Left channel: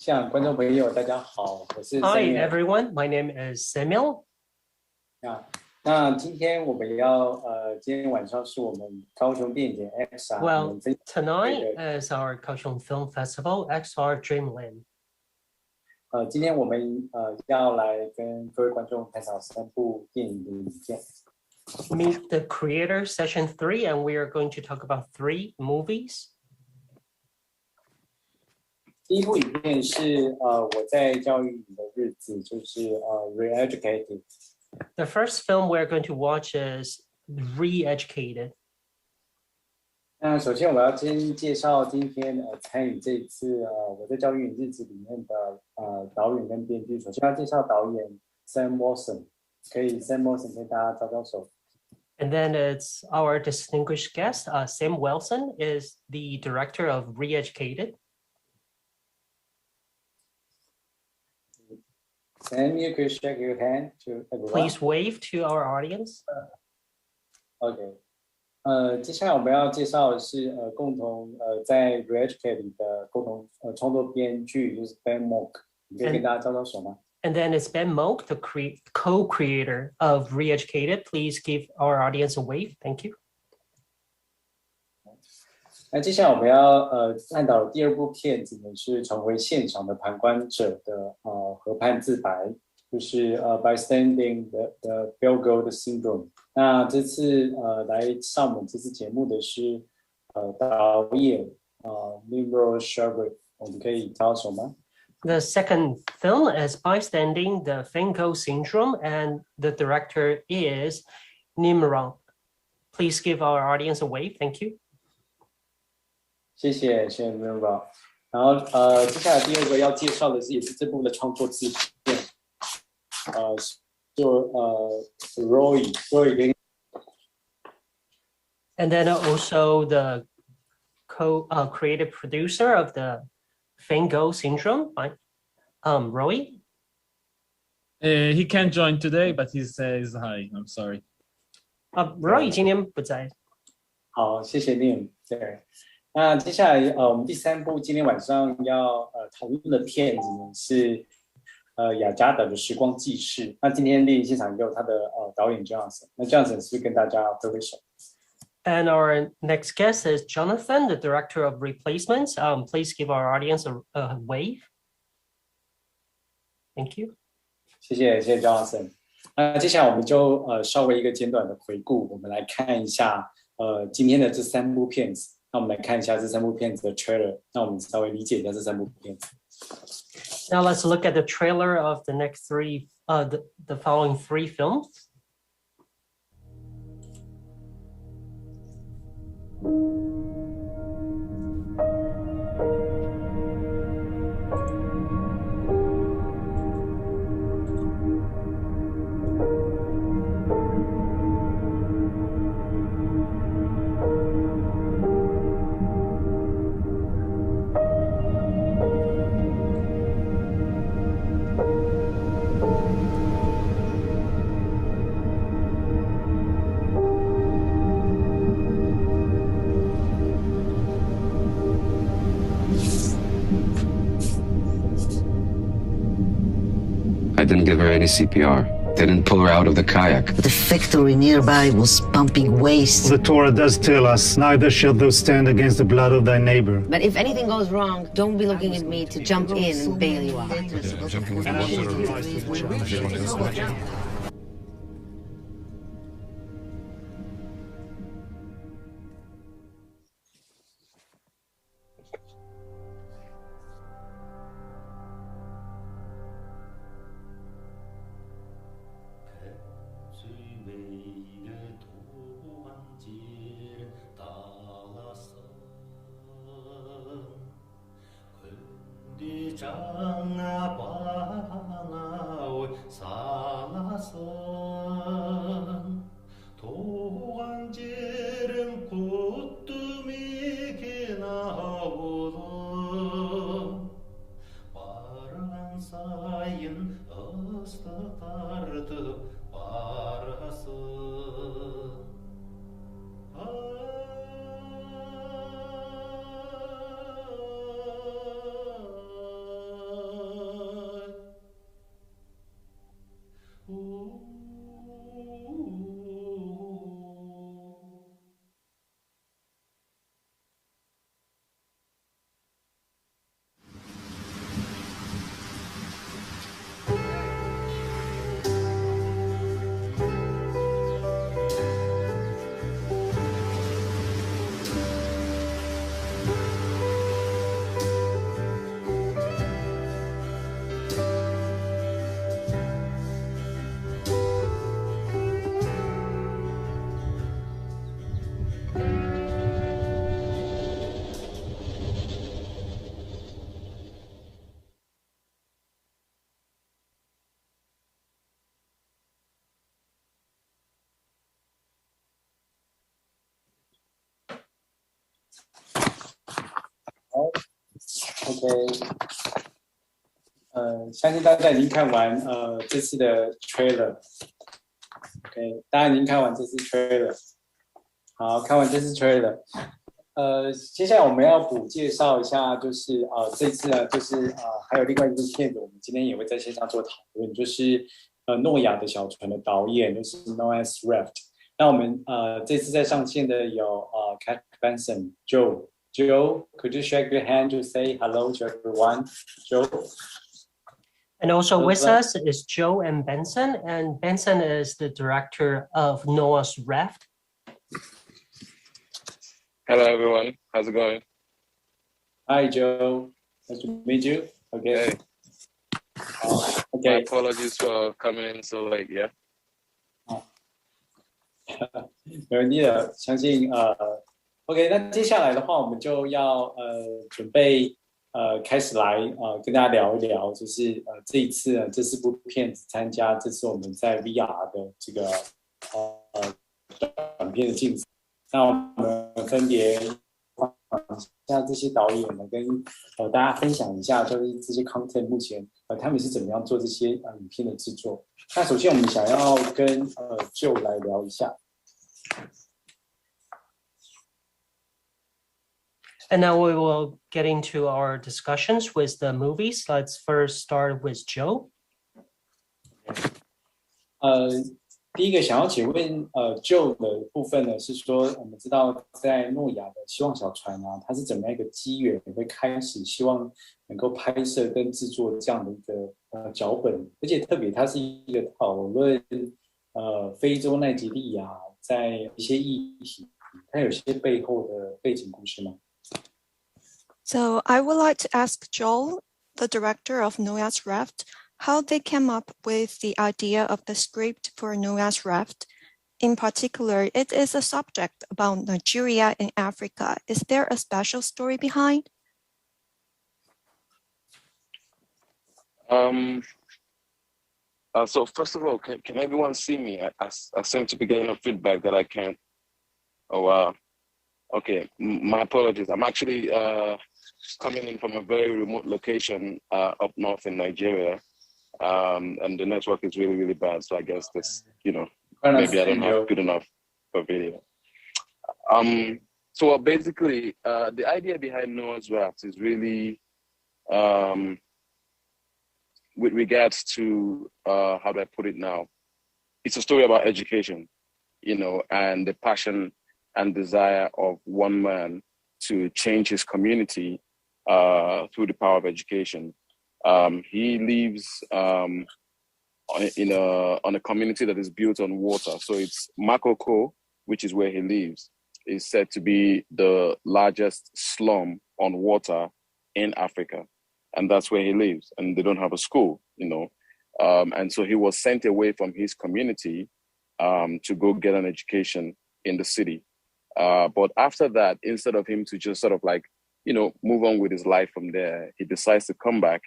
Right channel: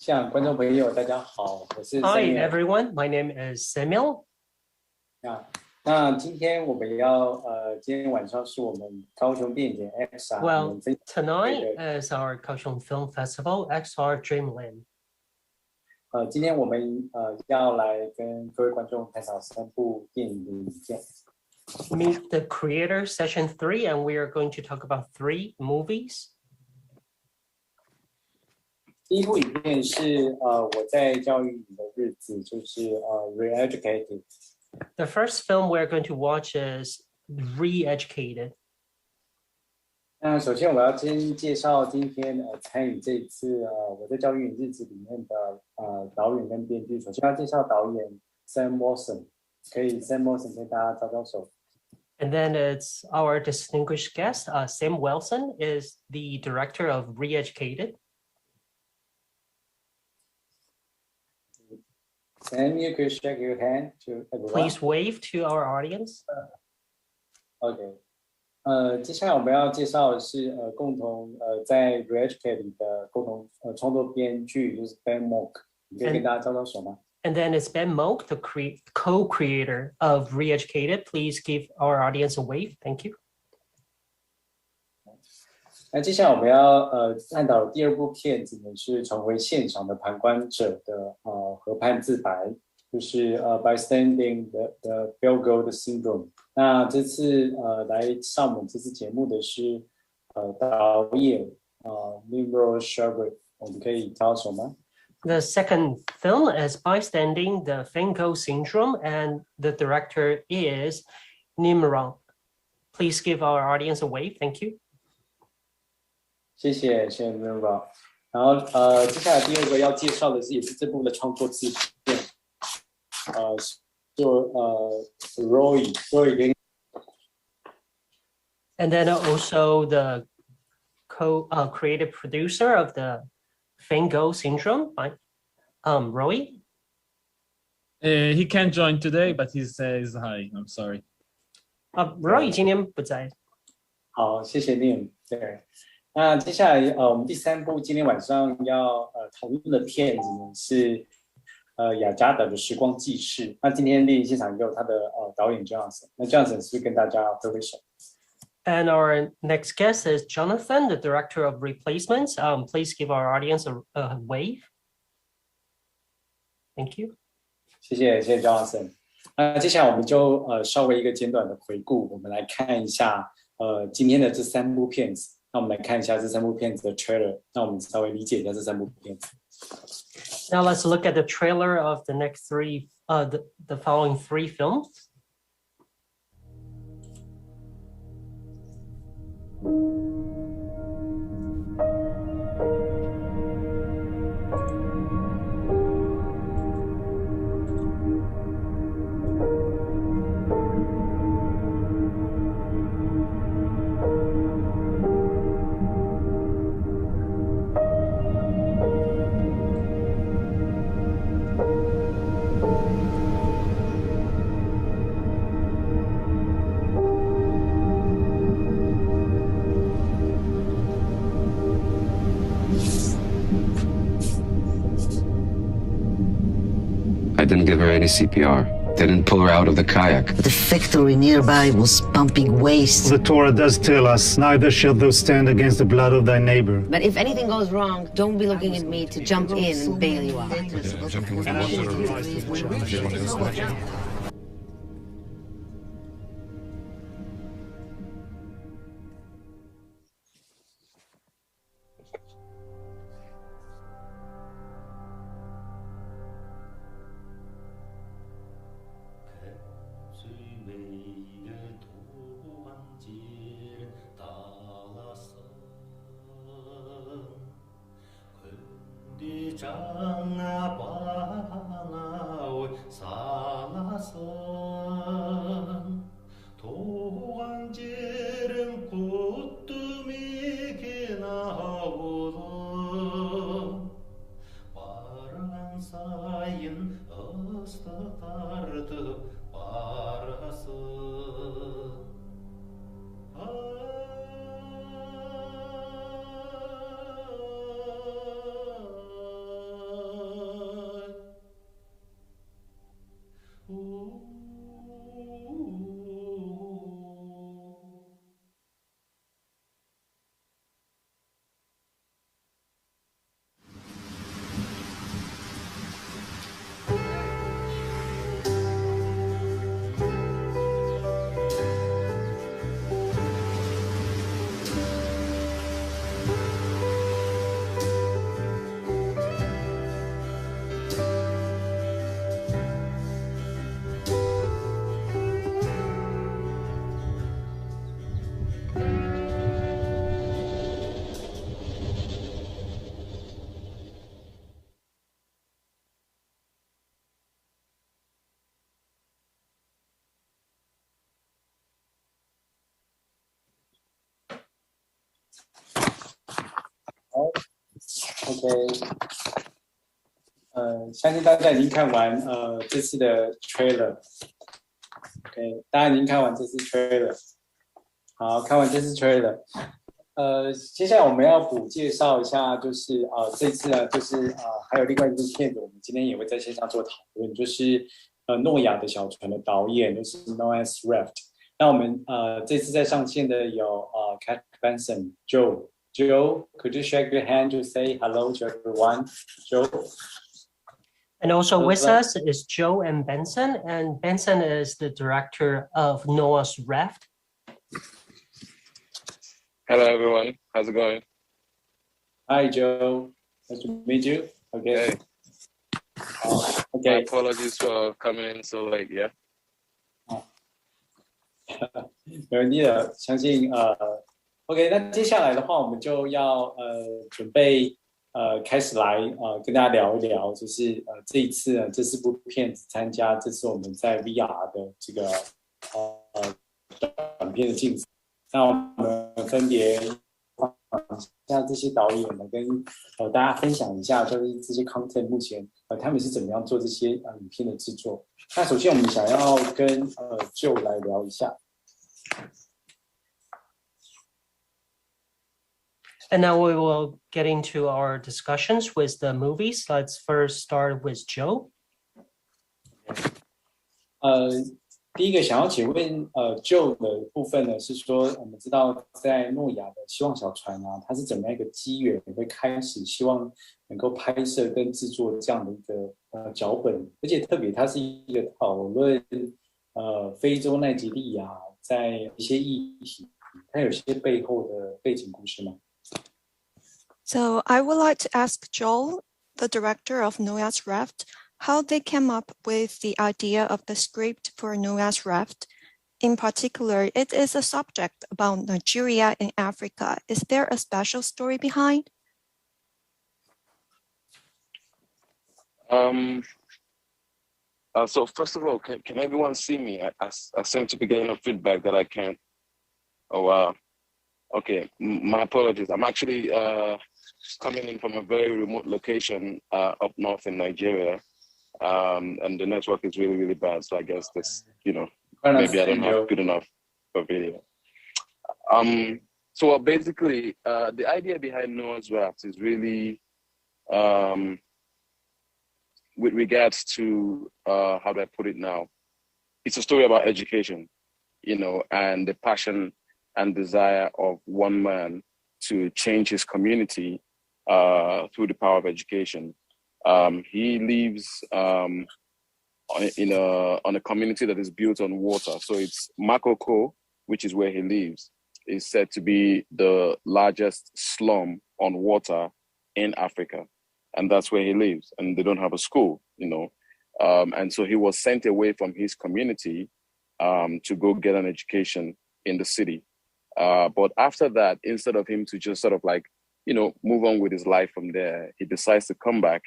向观众朋友大家好，我是 Hi Samuel. everyone, my name is Samuel. 那今天我们要今天晚上是我们高雄电影节 XR. Well, tonight is our Kaohsiung Film Festival XR Dreamland. 今天我们要来跟各位观众分享3部电影的影片。Meet the Creator Session 3, and we are going to talk about 3 movies. 第一部影片是我在教育营的日子，就是Reeducated. The first film we're going to watch is Reeducated. 那首先我们要先介绍今天参与这一次我在教育营日子里面的导演跟编剧。首先要介绍导演 Sam WOLSON， 可以 Sam WOLSON 跟大家招招手。And then it's our distinguished guest, Sam WOLSON is the director of Reeducated. Sam, you could shake your hand to everyone. Please wave to our audience. OK. 接下来我们要介绍的是共同在 Reeducated 的共同创作编剧，就是 Ben MAUK， 可以跟大家招招手吗？ And then it's Ben MAUK, the co-creator of Reeducated. Please give our audience a wave. Thank you. 那接下来我们要探讨的第2部片子呢，是重回现场的旁观者的河畔自白，就是 Bystanding 的 Feingold Syndrome。那这次来上我们这次节目的是导演Nimrod SHAPIRA， 我们可以招手吗？ The second film is Bystanding, the Feingold Syndrome, and the director is Nimrod. Please give our audience a wave. Thank you. 谢谢 Nimrod。然后接下来第2个要介绍的是也是这部的创作制片，就Roy跟。And then also the creative producer of the Feingold Syndrome, Roy. He can't join today, but he says hi. I'm sorry. Roy 今天不在。好，谢谢 Nim。对，那接下来我们第3部今天晚上要讨论的片子呢是雅加达的时光纪事。那今天电影现场也有他的导演 Jonathan。那 Jonathan 是不是跟大家挥挥手？ And our next guest is Jonathan, the director of Replacements. Please give our audience a wave. Thank you. 谢谢 Jonathan。接下来我们就稍微一个简短的回顾，我们来看一下今天的这3部片子。那我们来看一下这3部片子的 trailer， 那我们稍微理解一下这3部片子。Now let's look at the trailer of the next 3, the following 3 films. I didn't give her any CPR. Didn't pull her out of the kayak. The factory nearby was pumping waste. The Torah does tell us, neither shalt thou stand against the blood of thy neighbor. But if anything goes wrong, don't be looking at me to jump in and bail you out. 相信大家已经看完这次的 trailer。OK， 大家已经看完这次 trailer。好，看完这次 trailer。接下来我们要补介绍一下，就是这次呢，就是还有另外一部片子，我们今天也会在线上做讨论，就是诺亚的小船的导演，就是 known as Raft。那我们这次在上线的有Kachi BENSON Joel, could you shake your hand to say hello to everyone? Joel. And also with us is Joe and Benson, and Benson is the director of Noah's Raft. Hello, everyone. How's it going? Hi, Joe. Nice to meet you. Okay. Hey. Okay. My apologies for coming in so late. Yeah. 没问题的，相信OK， 那接下来的话，我们就要准备开始来跟大家聊一聊，就是这一次呢，这4部片子参加这次我们在 VR 的这个短片的竞赛。那我们分别像这些导演呢，跟大家分享一下，就是这些 content 目前他们是怎么样做这些影片的制作。那首先我们想要跟Joe 来聊一下。And now we will get into our discussions with the movies. Let's first start with Joe. 第一个想要请问Joe 的部分呢，是说我们知道在诺亚的希望小船啊，它是怎么样一个机缘会开始希望能够拍摄跟制作这样的一个脚本，而且特别它是一个讨论非洲奈及利亚在一些议题，它有些背后的背景故事吗？ So I would like to ask Joel, the director of Noah's Raft, how they came up with the idea of the script for Noah's Raft. In particular, it is a subject about Nigeria and Africa. Is there a special story behind? So first of all, can everyone see me? I seem to be getting a feedback that I can't. Oh, wow. Okay, my apologies. I'm actually coming in from a very remote location up north in Nigeria. And the network is really, really bad. So I guess this, maybe I don't have good enough for video. So basically, the idea behind Noah's Raft is really with regards to, how do I put it now? It's a story about education, and the passion and desire of one man to change his community through the power of education. He lives on a community that is built on water. So it's Makoko, which is where he lives, is said to be the largest slum on water in Africa. And that's where he lives. And they don't have a school, And so he was sent away from his community to go get an education in the city. But after that, instead of him to just sort of move on with his life from there, he decides to come back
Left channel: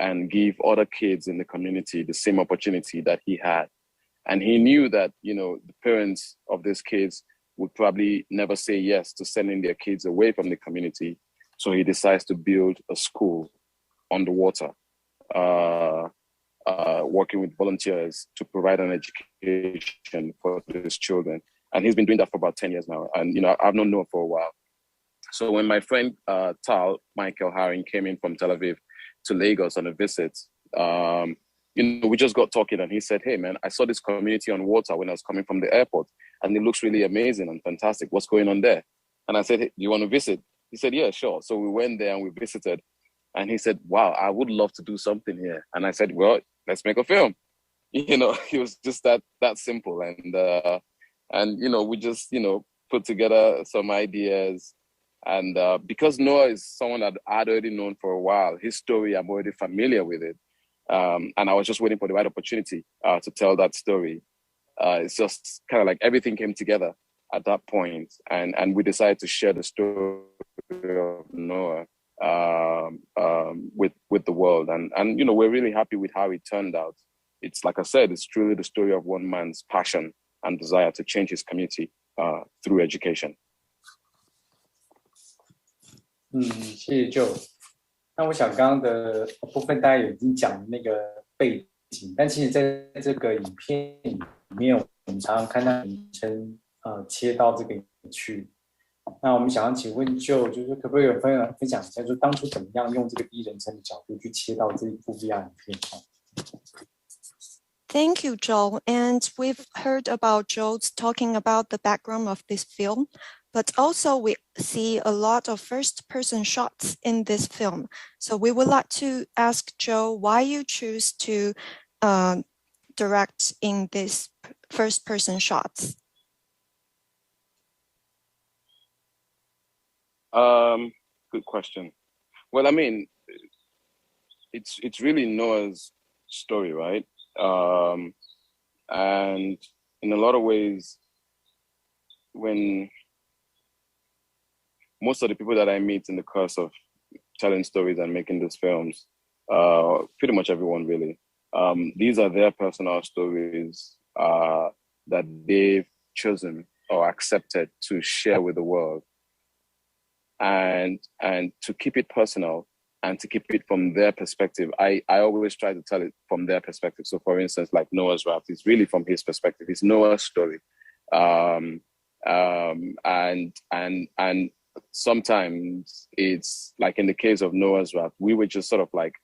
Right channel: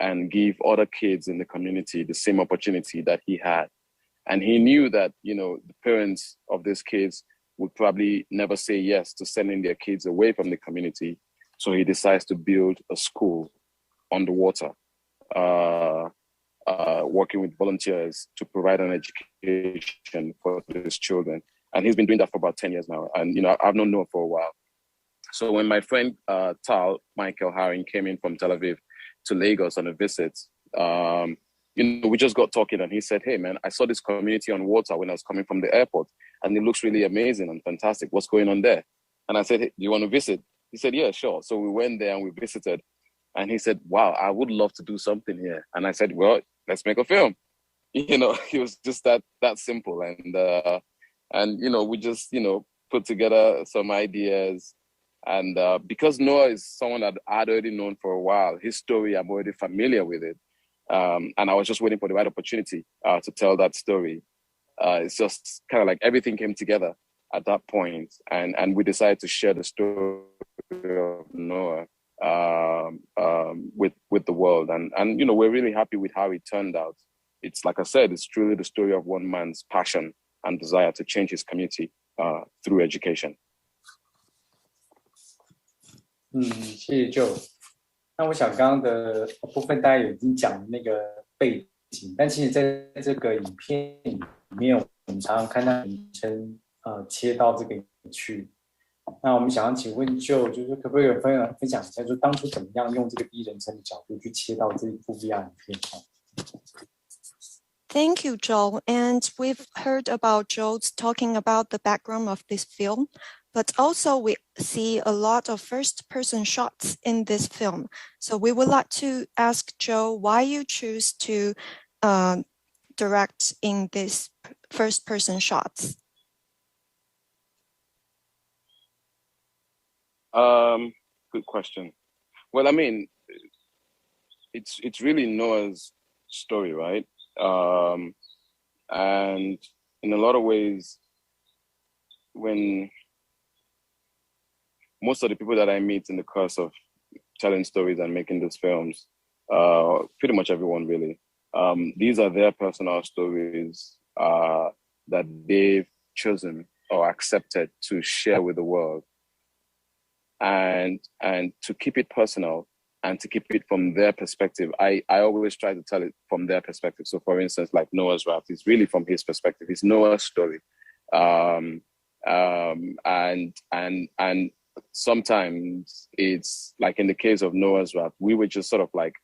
and give other kids in the community the same opportunity that he had. And he knew that, the parents of these kids would probably never say yes to sending their kids away from the community. So he decides to build a school on the water, working with volunteers to provide an education for these children. And he's been doing that for about 10 years now. And, I've known Noah for a while. So when my friend Tal, Michael Haring, came in from Tel Aviv to Lagos on a visit, we just got talking and he said, hey, man, I saw this community on water when I was coming from the airport and it looks really amazing and fantastic. What's going on there? And I said, hey, do you want to visit? He said, yeah, sure. So we went there and we visited. And he said, wow, I would love to do something here. And I said, well, let's make a film. It was just that simple. And we just, put together some ideas. And because Noah is someone that I'd already known for a while, his story, I'm already familiar with it. And I was just waiting for the right opportunity to tell that story. It's just kind of like everything came together at that point. And we decided to share the story of Noah with the world. And we're really happy with how it turned out. It's like I said, it's truly the story of one man's passion and desire to change his community through education. 谢谢 Joe。那我想刚刚的部分大家已经讲那个背景，但其实在这个影片里面，我们常常看到成切到这个去。那我们想要请问就是可不可以分享一下，就当初怎么样用这个第一人称的角度去切到这一部 VR 影片？Thank you, Joel. And we've heard about Joel's talking about the background of this film, but also we see a lot of first-person shots in this film. So we would like to ask Joel why you choose to direct in this first-person shots. Good question. Well, I mean, it's really Noah's story, right? And in a lot of ways, when most of the people that I meet in the course of telling stories and making these films, pretty much everyone really, these are their personal stories that they've chosen or accepted to share with the world. And to keep it personal and to keep it from their perspective, I always try to tell it from their perspective. So for instance, like Noah's Raft is really from his perspective. It's Noah's story. And sometimes it's like in the case of Noah's Raft, we were just sort of like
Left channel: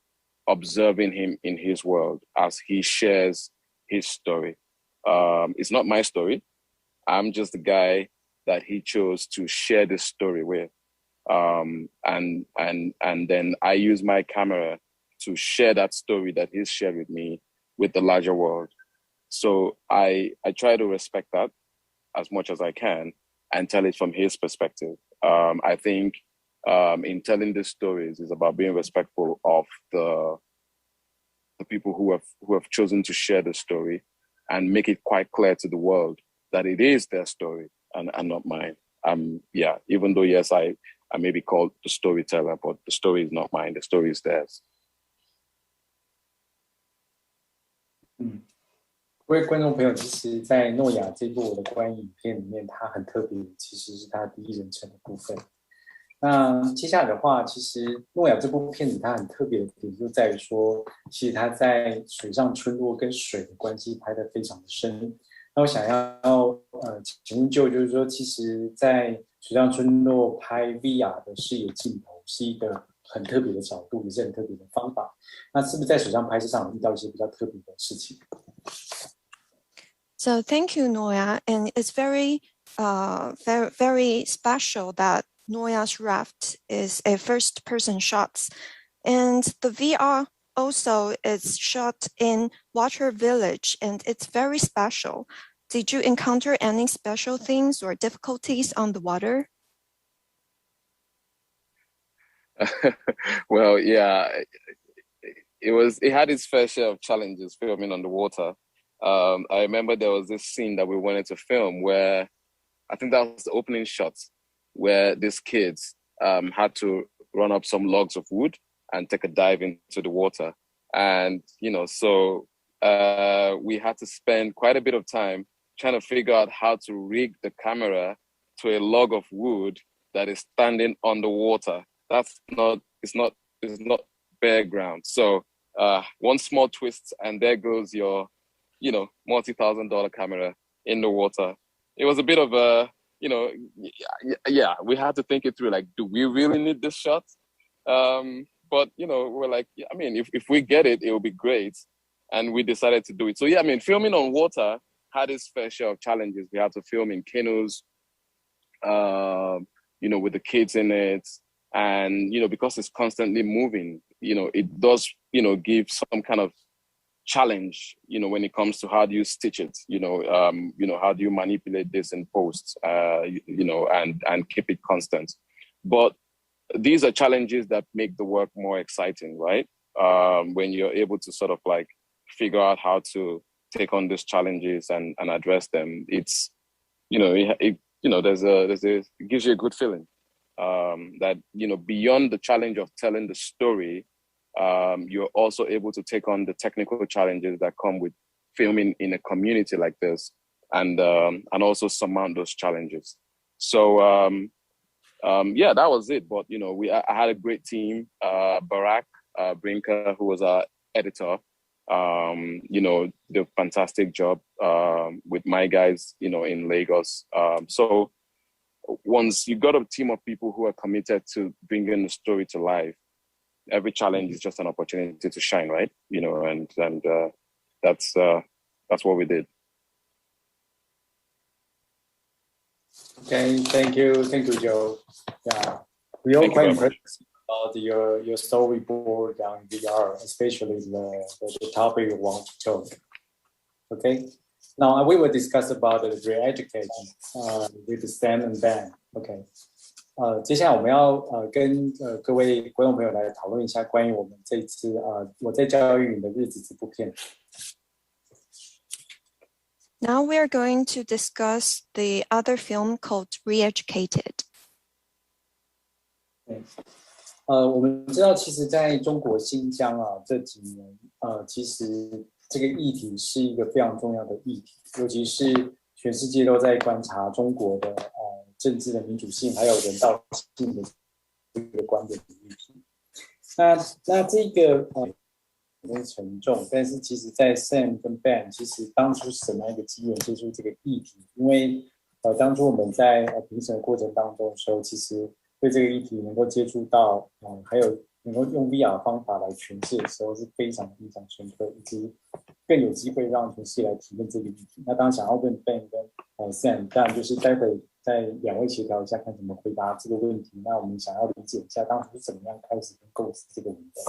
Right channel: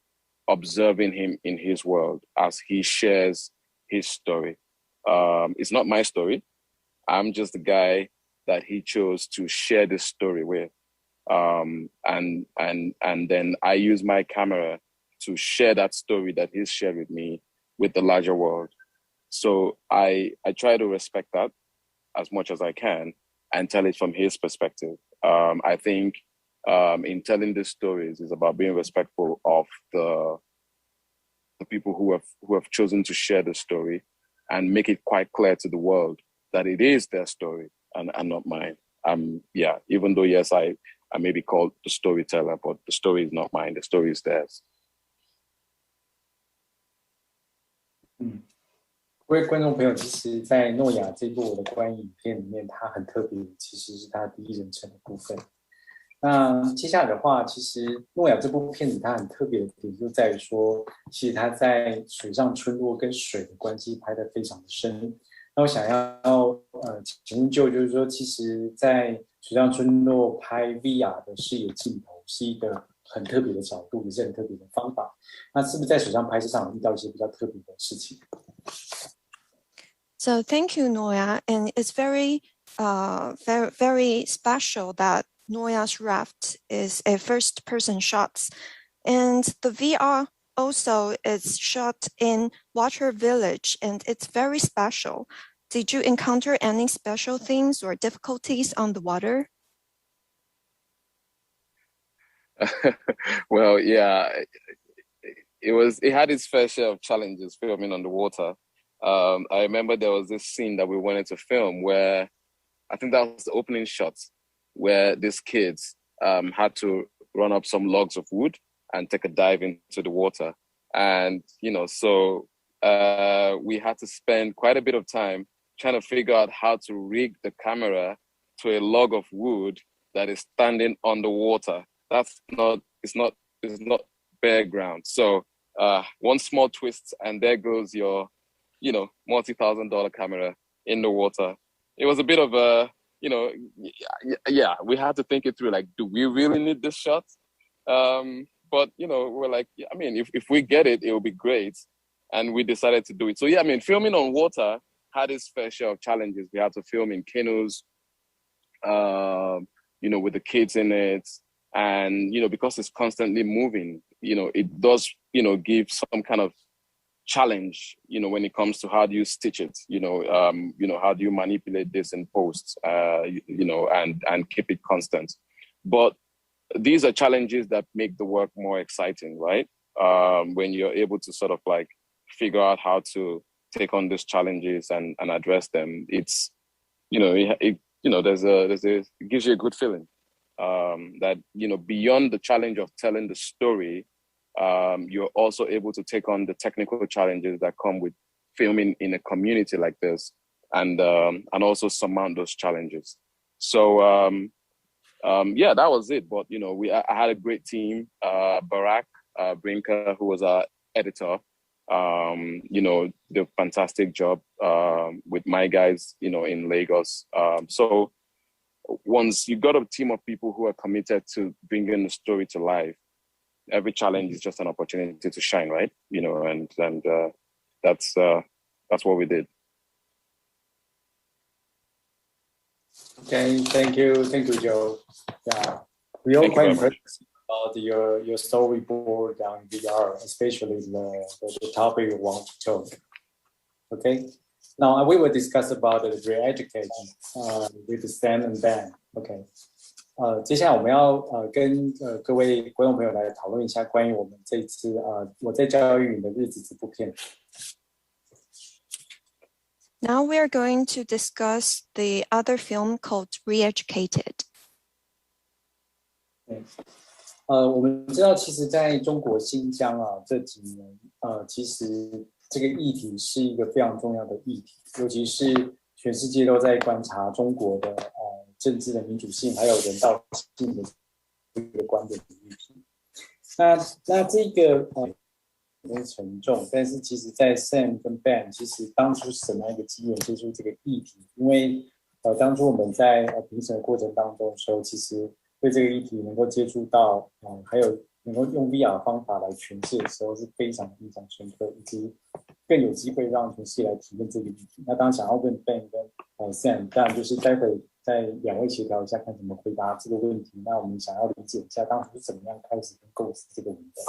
observing him in his world as he shares his story. It's not my story. I'm just the guy that he chose to share this story with. And then I use my camera to share that story that he's shared with me with the larger world. So I try to respect that as much as I can and tell it from his perspective. I think in telling these stories is about being respectful of the people who have chosen to share the story and make it quite clear to the world that it is their story and not mine. Even though yes, I may be called the storyteller, but the story is not mine. The story is theirs. 各位观众朋友，其实，在诺亚这部我的观影影片里面，它很特别，其实是它第一人称的部分。那接下来的话，其实诺亚这部片子它很特别的点就在于说，其实它在水上村落跟水的关系拍得非常的深。那我想要请问就是说，其实，在水上村落拍 VR 的视野镜头是一个很特别的角度，也是很特别的方法。那是不是在水上拍摄上遇到一些比较特别的事情？ So thank you, Noya, and it's very special that Noya's Raft is a first-person shots, and the VR also is shot in water village, and it's very special. Did you encounter any special things or difficulties on the water? Well, yeah, it had its fair share of challenges filming on the water. I remember there was this scene that we wanted to film where I think that was the opening shot where these kids had to run up some logs of wood and take a dive into the water. And, so we had to spend quite a bit of time trying to figure out how to rig the camera to a log of wood that is standing on the water. It's not bare ground. So one small twist and there goes your, multi-$1,000 camera in the water. It was a bit of a, we had to think it through, like, do we really need this shot? But, we're like, I mean, if we get it, it will be great. And we decided to do it. So, yeah, I mean, filming on water had its fair share of challenges. We had to film in canoes, with the kids in it. And, because it's constantly moving, it does, give some kind of challenge, when it comes to how do you stitch it, how do you manipulate this in post, and keep it constant. But these are challenges that make the work more exciting, right? When you're able to sort of like figure out how to take on these challenges and address them, it's, it gives you a good feeling that, beyond the challenge of telling the story, you're also able to take on the technical challenges that come with filming in a community like this, and also surmount those challenges. So yeah, that was it. But you know, I had a great team. Barack Brinker, who was our editor, you know, did a fantastic job with my guys, you know, in Lagos. So once you got a team of people who are committed to bringing the story to life, every challenge is just an opportunity to shine, right? You know, and that's what we did. Okay, thank you, Joe. Yeah, we all quite impressed about your storyboard on VR, especially the topic you want to talk. Okay, now we will discuss about the Reeducated with Sam and Ben. Okay. 接下来我们要跟各位观众朋友来讨论一下关于我们这一次我在教育营的日子这部片。Now we are going to discuss the other film called Reeducated. 我们知道，其实在中国新疆这几年其实这个议题是一个非常重要的议题，尤其是全世界都在观察中国的政治的民主性还有人道性的这个观点的议题。那这个很沉重，但是其实在 Sam 跟 Ben 其实当初是什么样一个机缘接触这个议题？因为当初我们在评审的过程当中的时候，其实对这个议题能够接触到还有能够用 VR 方法来诠释的时候是非常非常深刻，以及更有机会让全世界来体验这个议题。那当然想要问 Ben 跟Sam， 当然就是待会在两位协调一下，看怎么回答这个问题。那我们想要理解一下当初是怎么样开始构思这个文本。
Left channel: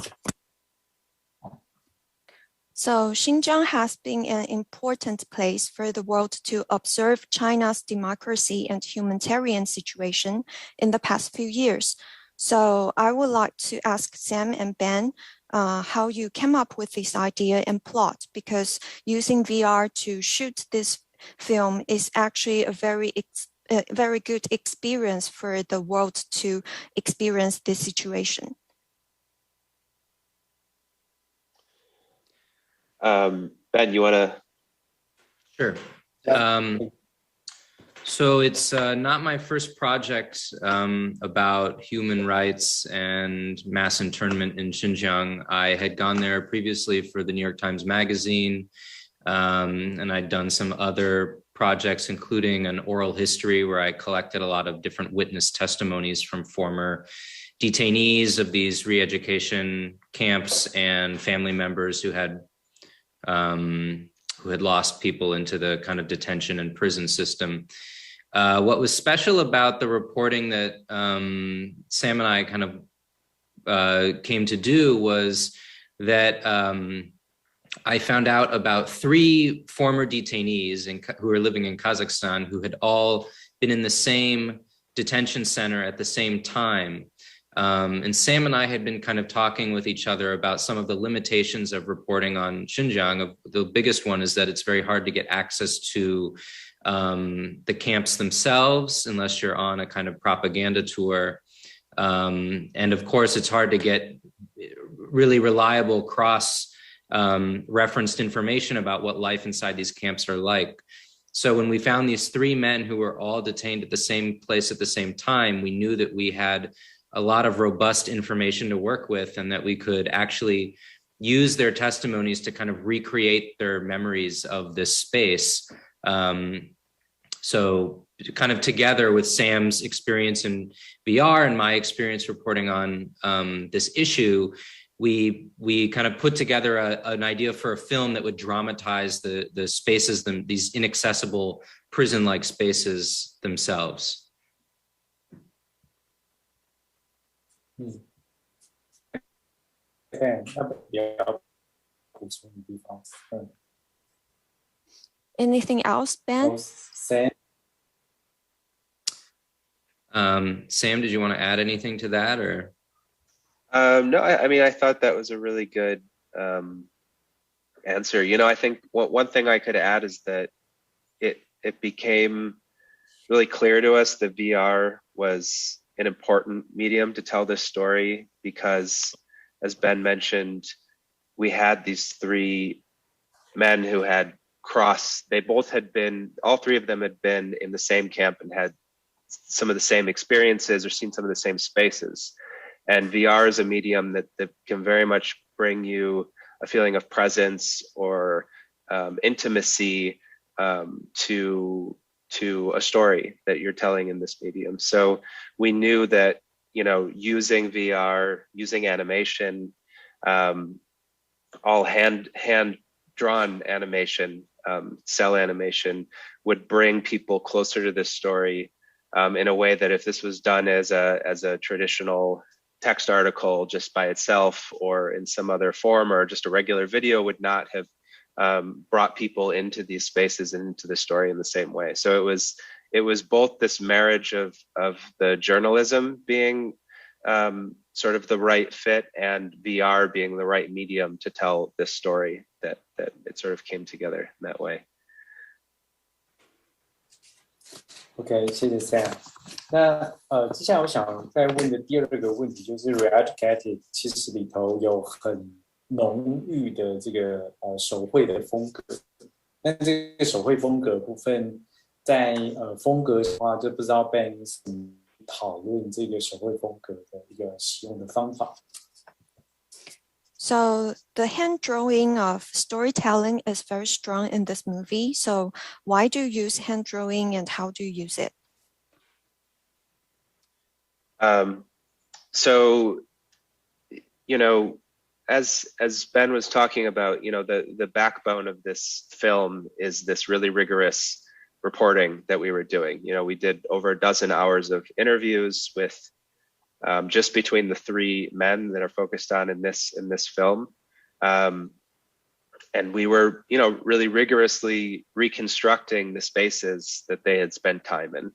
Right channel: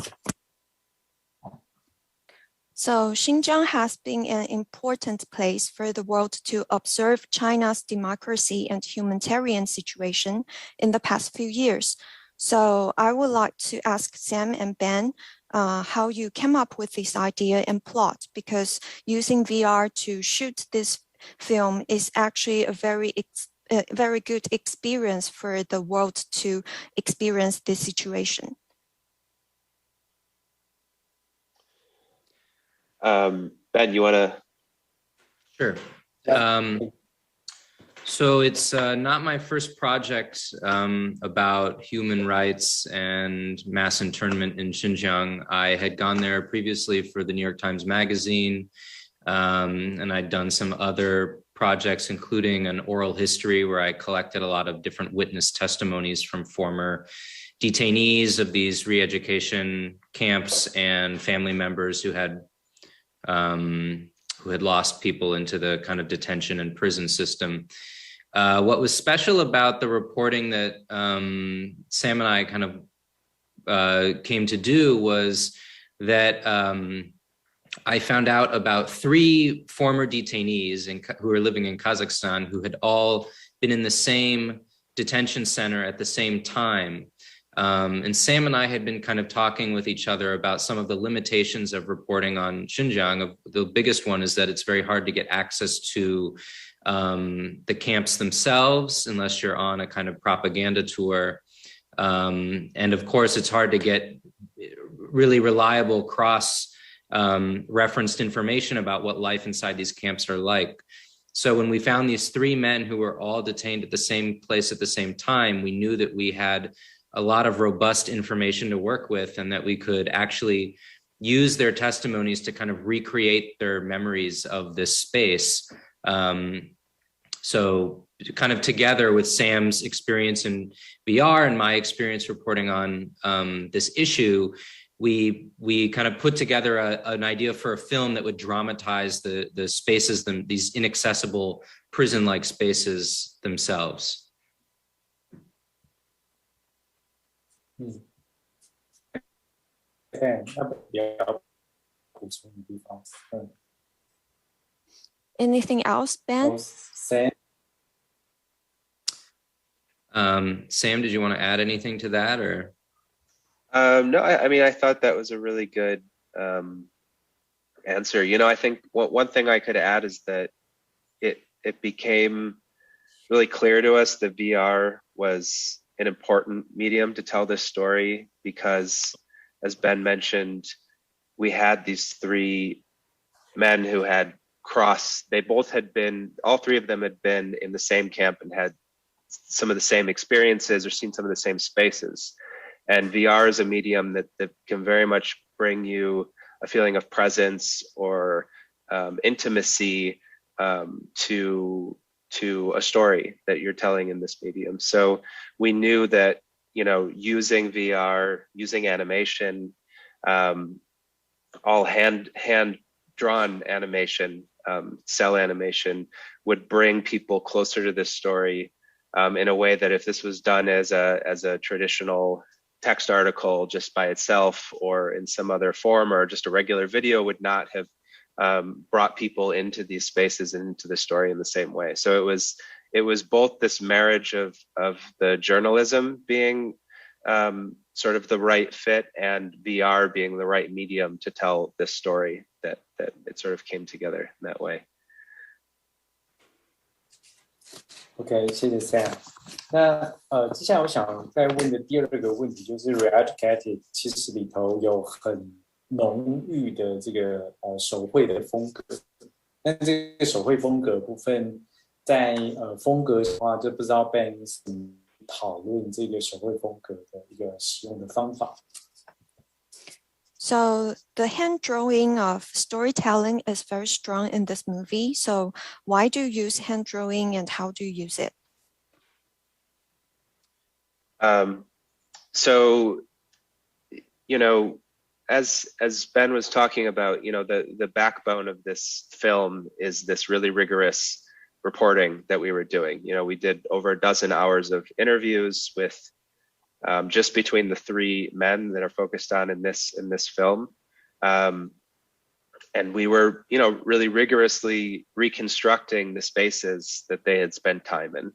So Xinjiang has been an important place for the world to observe China's democracy and humanitarian situation in the past few years. So I would like to ask Sam and Ben how you came up with this idea and plot, because using VR to shoot this film is actually a very good experience for the world to experience this situation. Ben, you want to? Sure. So it's not my first project about human rights and mass internment in Xinjiang. I had gone there previously for the New York Times Magazine, and I'd done some other projects, including an oral history where I collected a lot of different witness testimonies from former detainees of these re-education camps and family members who had lost people into the kind of detention and prison system. What was special about the reporting that Sam and I kind of came to do was that I found out about 3 former detainees who were living in Kazakhstan who had all been in the same detention center at the same time. And Sam and I had been kind of talking with each other about some of the limitations of reporting on Xinjiang. The biggest one is that it's very hard to get access to the camps themselves unless you're on a kind of propaganda tour. And of course, it's hard to get really reliable cross-referenced information about what life inside these camps are like. So when we found these 3 men who were all detained at the same place at the same time, we knew that we had a lot of robust information to work with, and that we could actually use their testimonies to kind of recreate their memories of this space. So kind of together with Sam's experience in VR and my experience reporting on this issue, we kind of put together an idea for a film that would dramatize the spaces, these inaccessible prison-like spaces themselves. Anything else, Ben? Sam, did you want to add anything to that, or? No, I mean, I thought that was a really good answer. You know, I think one thing I could add is that it became really clear to us that VR was an important medium to tell this story, because, as Ben mentioned, we had these 3 men who had all 3 of them had been in the same camp and had some of the same experiences or seen some of the same spaces. And VR is a medium that can very much bring you a feeling of presence or intimacy to a story that you're telling in this medium. So we knew that, you know, using VR, using animation, all hand-drawn animation, cell animation, would bring people closer to this story in a way that if this was done as a traditional text article just by itself or in some other form or just a regular video would not have brought people into these spaces and into the story in the same way. So it was both this marriage of the journalism being sort of the right fit and VR being the right medium to tell this story that it sort of came together in that way. OK， 谢谢 Sam。那接下来我想再问的第二个问题就是 Reeducated 其实里头有很浓郁的这个手绘的风格。那这个手绘风格部分，在风格的话，就不知道 Ben 怎么讨论这个手绘风格的一个使用的方法。So the hand drawing of storytelling is very strong in this movie. So why do you use hand drawing and how do you use it? So, you know, as Ben was talking about, you know, the backbone of this film is this really rigorous reporting that we were doing. You know, we did over a dozen hours of interviews with just between the three men that are focused on in this film. And we were, you know, really rigorously reconstructing the spaces that they had spent time in.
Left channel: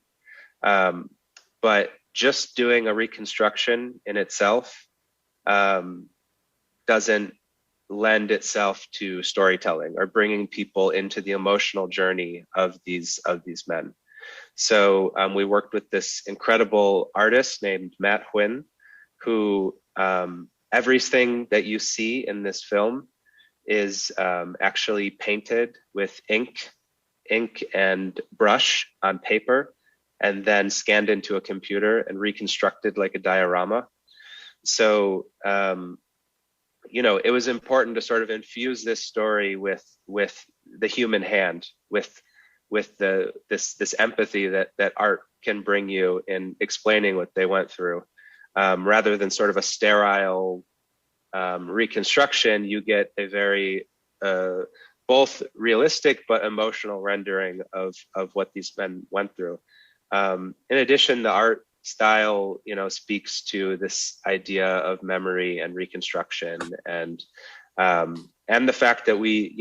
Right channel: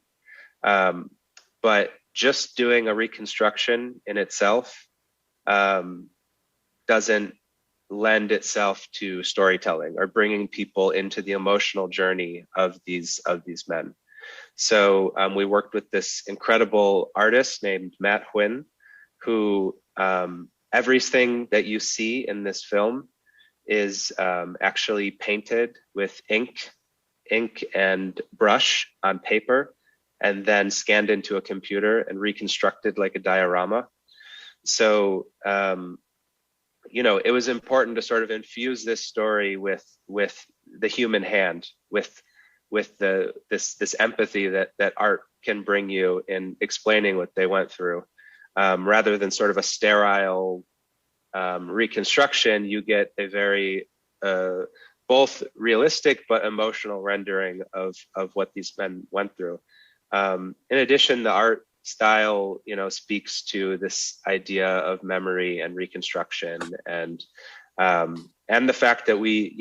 But just doing a reconstruction in itself doesn't lend itself to storytelling or bringing people into the emotional journey of these men. So we worked with this incredible artist named Matt Huynh, who everything that you see in this film is actually painted with ink and brush on paper, and then scanned into a computer and reconstructed like a diorama. So, you know, it was important to sort of infuse this story with the human hand, with this empathy that art can bring you in explaining what they went through, rather than sort of a sterile reconstruction. You get a very both realistic but emotional rendering of what these men went through. In addition, the art style, you know, speaks to this idea of memory and reconstruction, and the fact that we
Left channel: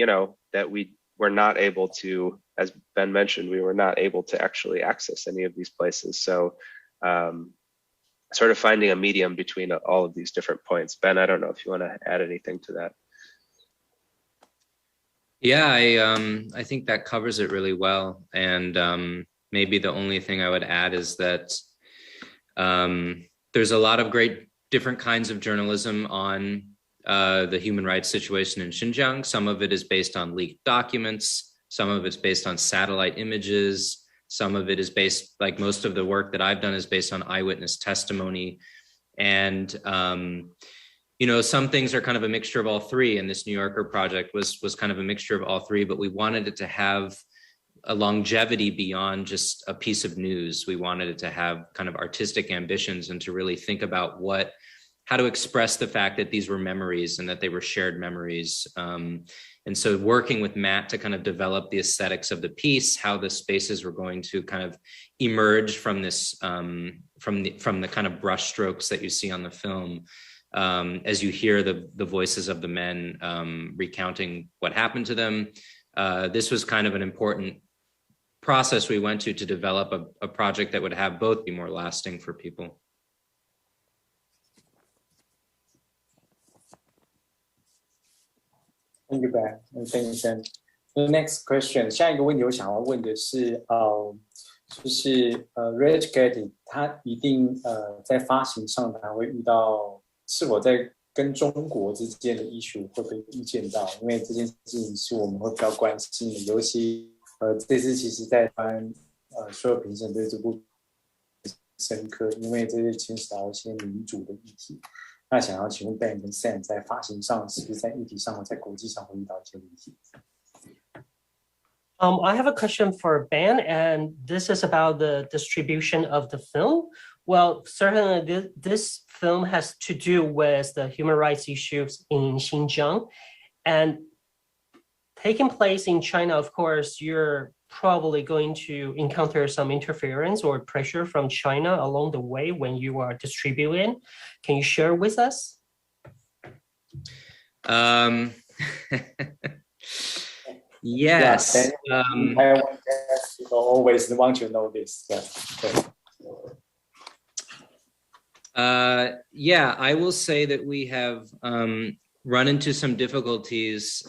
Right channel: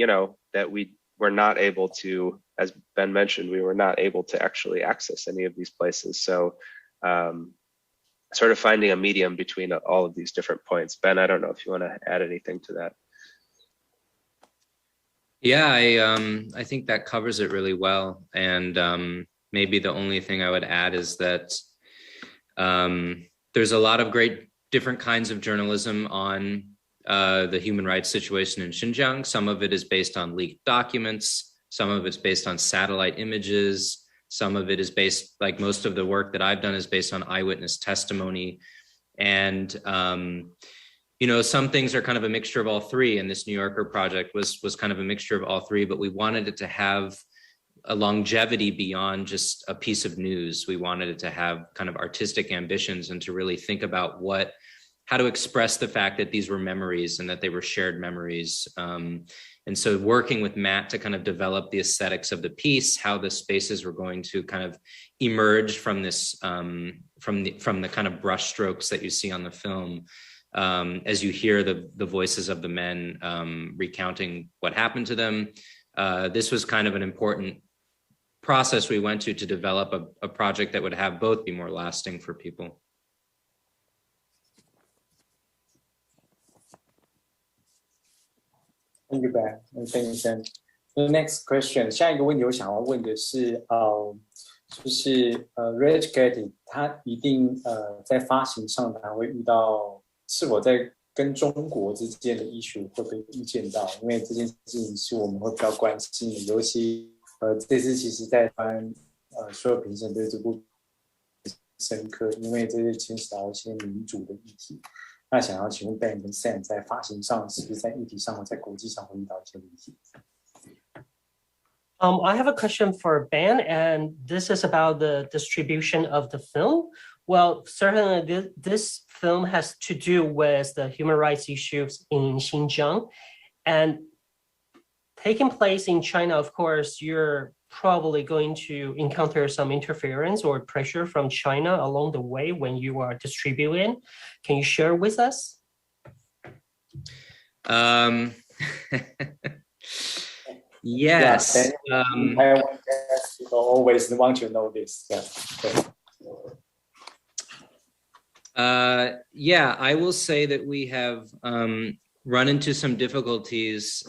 were not able to, as Ben mentioned, we were not able to actually access any of these places. So sort of finding a medium between all of these different points. Ben, I don't know if you want to add anything to that. Yeah, I think that covers it really well. And maybe the only thing I would add is that there's a lot of great different kinds of journalism on the human rights situation in Xinjiang. Some of it is based on leaked documents. Some of it's based on satellite images. Some of it is based, like most of the work that I've done is based on eyewitness testimony. And, you know, some things are kind of a mixture of all three. And this New Yorker project was kind of a mixture of all three, but we wanted it to have a longevity beyond just a piece of news. We wanted it to have kind of artistic ambitions and to really think about how to express the fact that these were memories and that they were shared memories. And so working with Matt to kind of develop the aesthetics of the piece, how the spaces were going to kind of emerge from this, from the kind of brush strokes that you see on the film, as you hear the voices of the men recounting what happened to them. This was kind of an important process we went to develop a project that would have both be more lasting for people. Thank you, Ben. And thank you, Sam. The next question， 下一个问题我想要问的是，就是Reeducated 它一定在发行上它会遇到是否在跟中国之间的issue会不会遇见到？因为这件事情是我们会比较关心，尤其这次其实在所有评审对这部深刻，因为这是牵扯到一些民主的议题。那想要请问 Ben 跟 Sam 在发行上是不是在议题上，在国际上会遇到一些问题？ I have a question for Ben, and this is about the distribution of the film. Well, certainly this film has to do with the human rights issues in Xinjiang, and taking place in China, of course, you're probably going to encounter some interference or pressure from China along the way when you are distributing. Can you share with us? Yes. People always want to know this. Yeah, I will say that we have run into some difficulties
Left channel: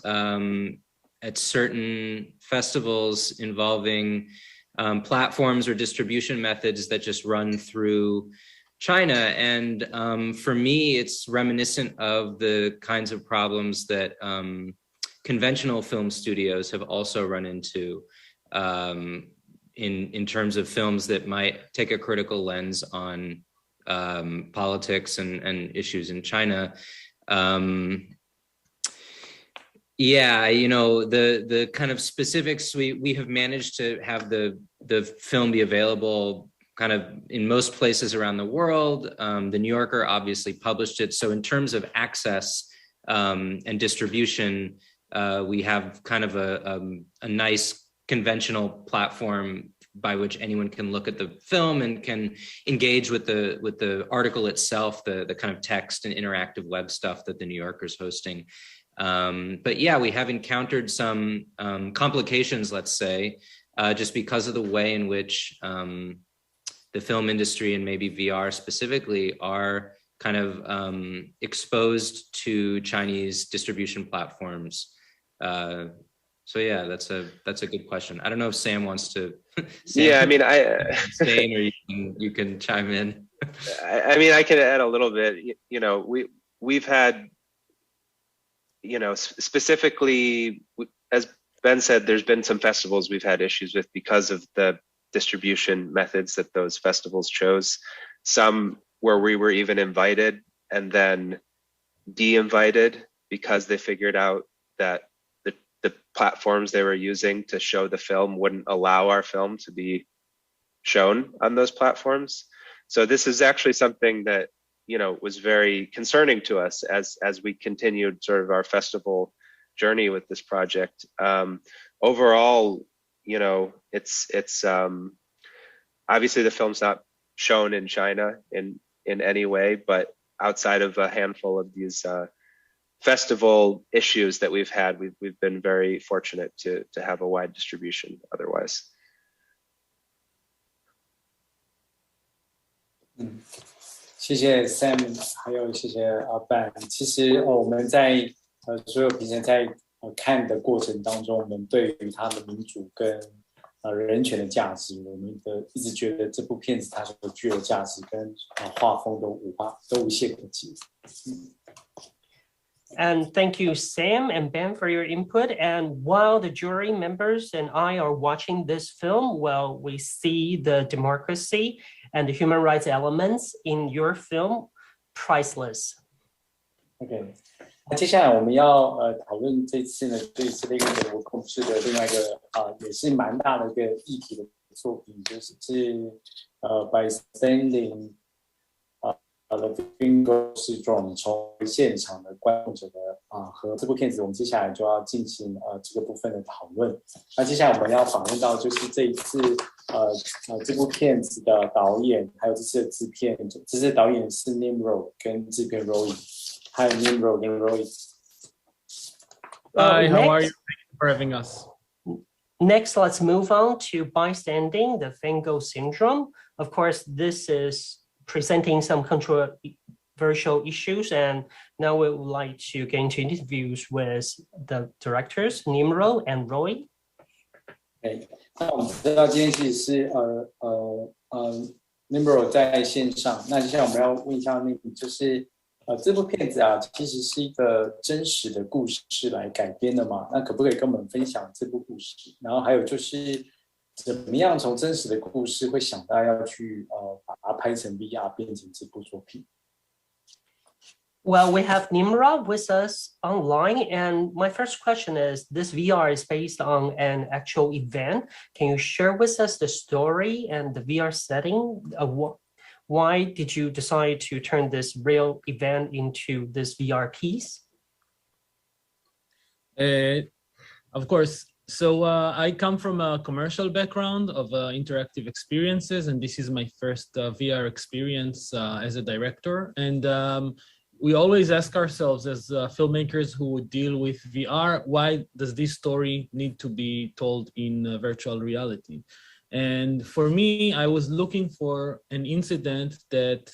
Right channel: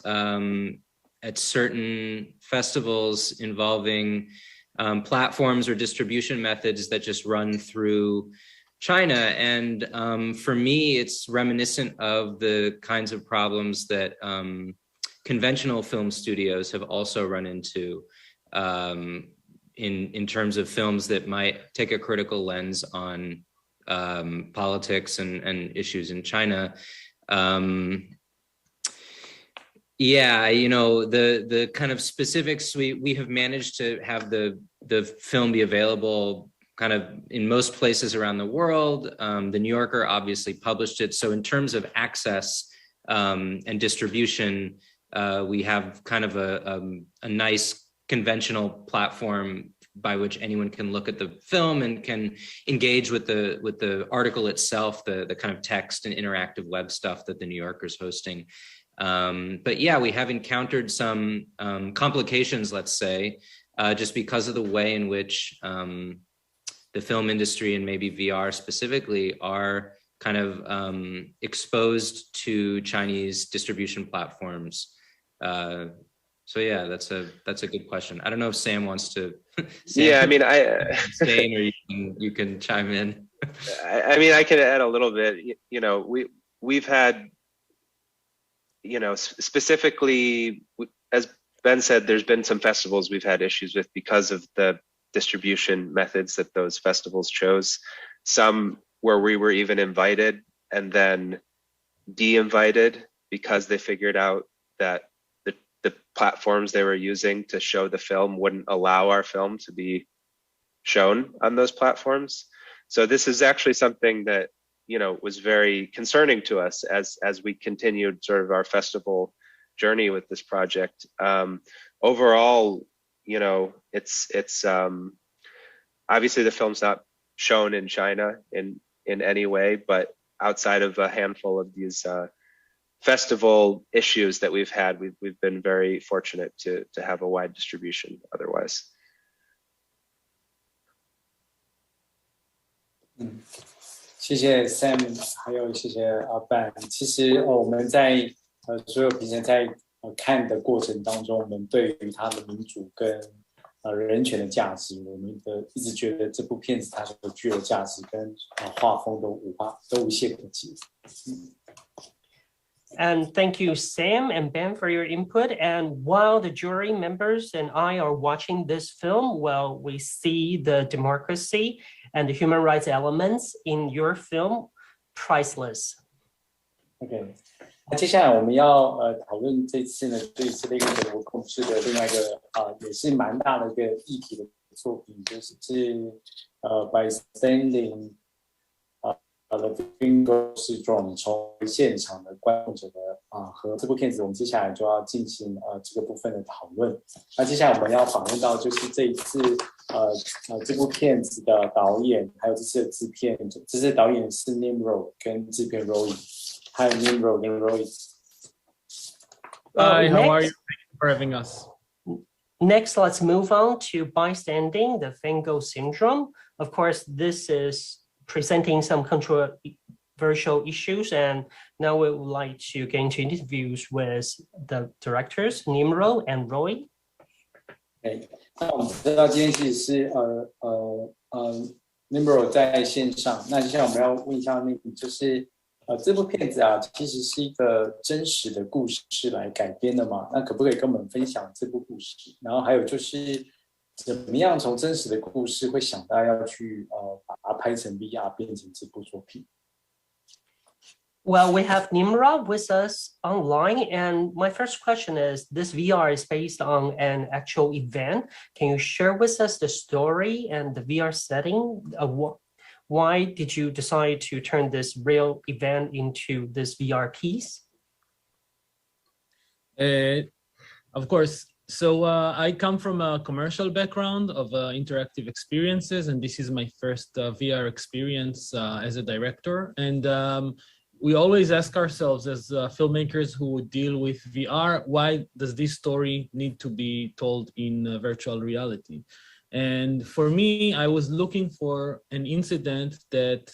at certain festivals involving platforms or distribution methods that just run through China. And for me, it's reminiscent of the kinds of problems that conventional film studios have also run into in terms of films that might take a critical lens on politics and issues in China. Yeah, you know, the kind of specifics, we have managed to have the film be available kind of in most places around the world. The New Yorker obviously published it. So in terms of access and distribution, we have kind of a nice conventional platform by which anyone can look at the film and can engage with the article itself, the kind of text and interactive web stuff that the New Yorker is hosting. But yeah, we have encountered some complications, let's say, just because of the way in which the film industry and maybe VR specifically are kind of exposed to Chinese distribution platforms. So yeah, that's a good question. I don't know if Sam wants to. Yeah, I mean, Stain, or you can chime in. I mean, I can add a little bit. You know, we've had, you know, specifically, as Ben said, there's been some festivals we've had issues with because of the distribution methods that those festivals chose. Some where we were even invited and then de-invited because they figured out that the platforms they were using to show the film wouldn't allow our film to be shown on those platforms. So this is actually something that, you know, was very concerning to us as we continued sort of our festival journey with this project. Overall, you know, it's obviously the film's not shown in China in any way, but outside of a handful of these festival issues that we've had, we've been very fortunate to have a wide distribution otherwise. 谢谢 Sam， 还有谢谢Ben。其实我们在所有评审在看的过程当中，我们对于它的民主跟人权的价值，我们一直觉得这部片子它所具有价值跟画风都无懈可击。And thank you, Sam and Ben, for your input. And while the jury members and I are watching this film, well, we see the democracy and the human rights elements in your film priceless. OK， 那接下来我们要讨论这次呢，对这个我控制的另外一个也是蛮大的一个议题的作品，就是Bystanding。The Feingold Syndrome 重回现场的观众者的和这部片子，我们接下来就要进行这个部分的讨论。那接下来我们要访问到就是这一次这部片子的导演，还有这次的制片。这次的导演是 Nimrod 跟制片 Roy。Hi Nimrod 跟 Roy。Hi, how are you? Thank you for having us. Next, let's move on to Bystanding, the Feingold Syndrome. Of course, this is presenting some controversial issues, and now we would like to get into interviews with the directors Nimrod and Roy. 那我们知道今天其实是Nimrod 在线上，那接下来我们要问一下那个就是这部片子其实是一个真实的故事来改编的嘛？那可不可以跟我们分享这部故事？然后还有就是怎么样从真实的故事会想到要去把它拍成 VR 变成这部作品。Well, we have Nimrod with us online, and my first question is, this VR is based on an actual event. Can you share with us the story and the VR setting? Why did you decide to turn this real event into this VR piece? Of course. So I come from a commercial background of interactive experiences, and this is my first VR experience as a director. And we always ask ourselves as filmmakers who would deal with VR, why does this story need to be told in virtual reality? And for me, I was looking for an incident that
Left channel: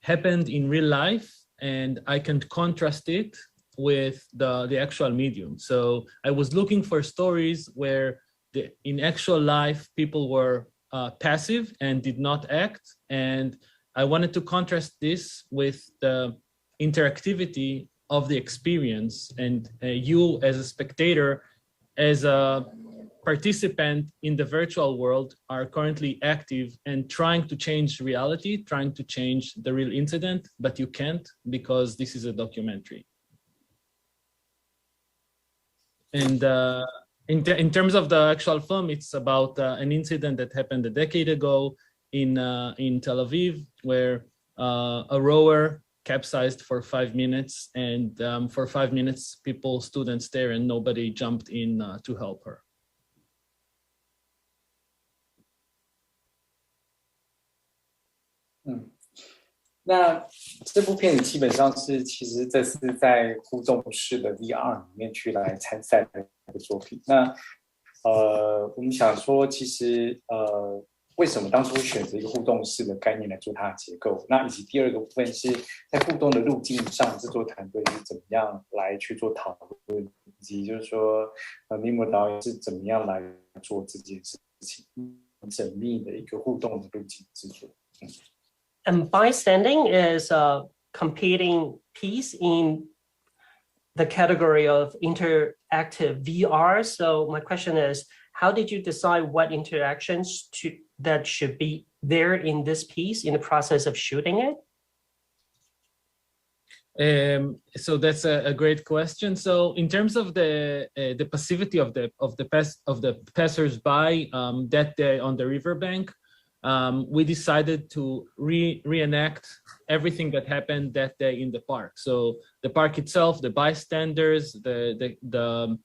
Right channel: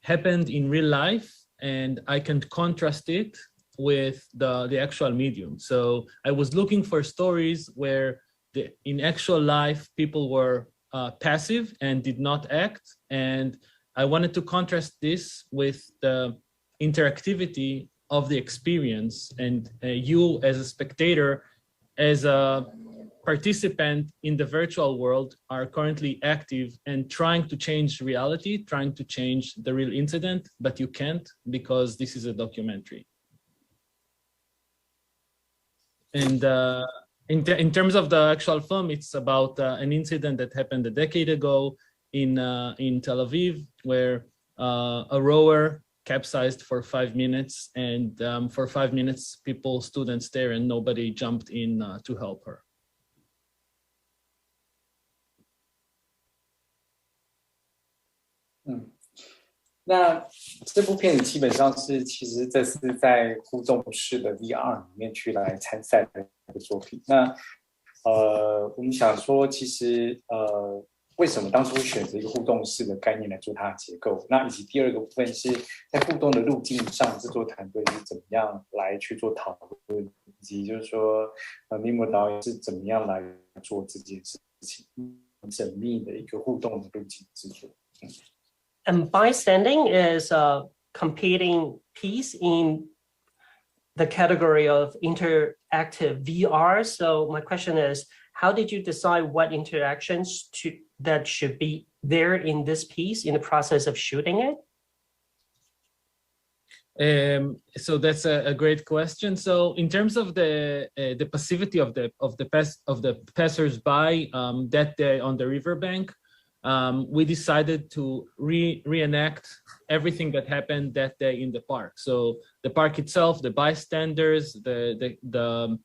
happened in real life, and I can contrast it with the actual medium. So I was looking for stories where in actual life, people were passive and did not act. And I wanted to contrast this with the interactivity of the experience, and you as a spectator, as a participant in the virtual world, are currently active and trying to change reality, trying to change the real incident, but you can't because this is a documentary. And in terms of the actual film, it's about an incident that happened a decade ago in Tel Aviv, where a rower capsized for 5 minutes, and for 5 minutes, people stood and stared, and nobody jumped in to help her. Mm. 那这部片子基本上是，其实这是在互动式的 VR 里面去来参赛的一个作品。那我们想说，其实为什么当初选择一个互动式的概念来做它的结构？那以及第二个部分是在互动的路径上，制作团队是怎么样来去做讨论，以及就是说Nimrod导演是怎么样来做这件事情，缜密的一个互动的路径制作。And Bystanding is a competing piece in the category of interactive VR. So my question is, how did you decide what interactions that should be there in this piece in the process of shooting it? So that's a great question. So in terms of the passivity of the passers-by that day on the riverbank, we decided to reenact everything that happened that day in the park. So the park itself, the bystanders, the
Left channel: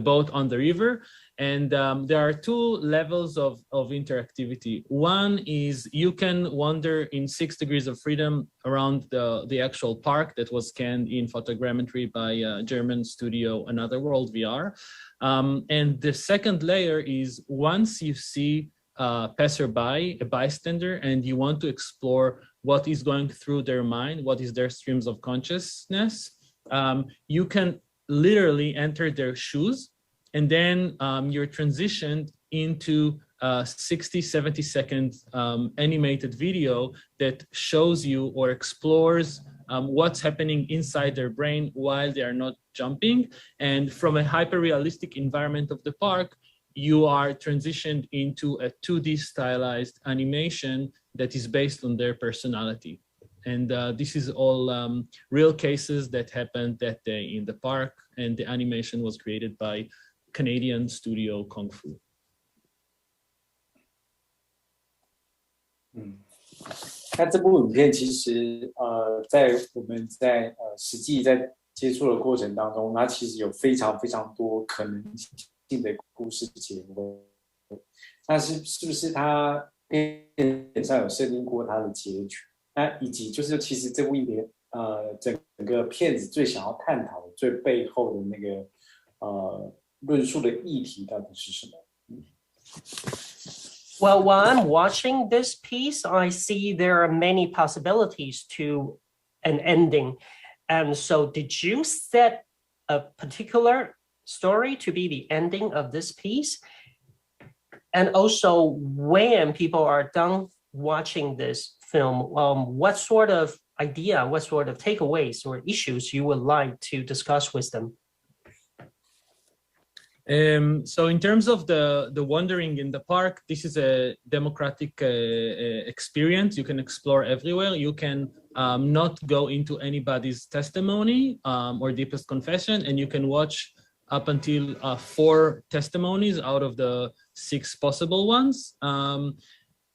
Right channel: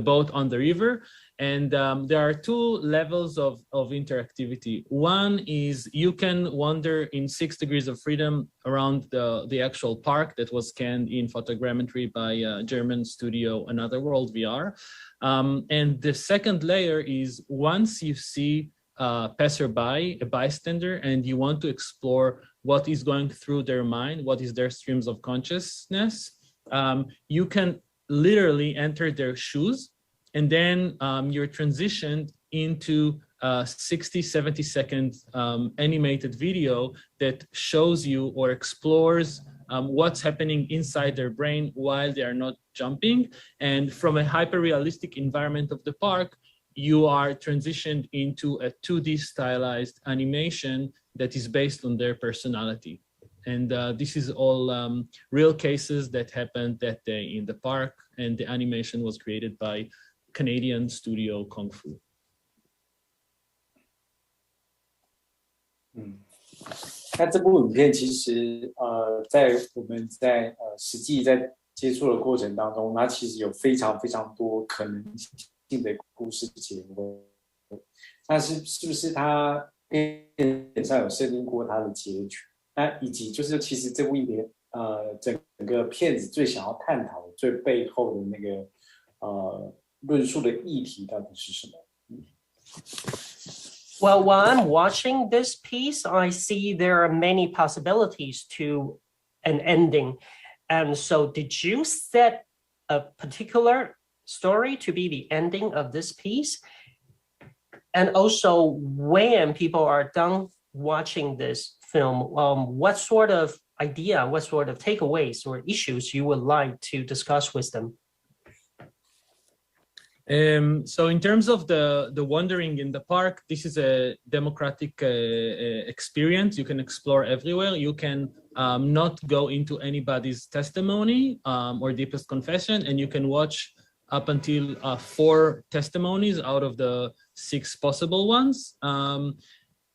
boat on the river, and there are two levels of interactivity. One is you can wander in 6 degrees of freedom around the actual park that was scanned in photogrammetry by German studio Another World VR. And the second layer is once you see passerby, a bystander, and you want to explore what is going through their mind, what is their streams of consciousness, you can literally enter their shoes, and then you're transitioned into a 60-70 second animated video that shows you or explores what's happening inside their brain while they are not jumping. And from a hyper-realistic environment of the park, you are transitioned into a 2D stylized animation that is based on their personality. And this is all real cases that happened that day in the park, and the animation was created by Canadian studio Kung Fu. 那这部影片其实在我们在实际在接触的过程当中，它其实有非常非常多可能性的故事结构。那是不是它片上有设定过它的结局？那以及就是其实这部影片整个片子最想要探讨的最背后的那个论述的议题到底是什么？ Well, while I'm watching this piece, I see there are many possibilities to an ending. And so did you set a particular story to be the ending of this piece? And also, when people are done watching this film, what sort of idea, what sort of takeaways or issues you would like to discuss with them? So in terms of the wandering in the park, this is a democratic experience. You can explore everywhere. You can not go into anybody's testimony or deepest confession, and you can watch up until 4 testimonies out of the 6 possible ones.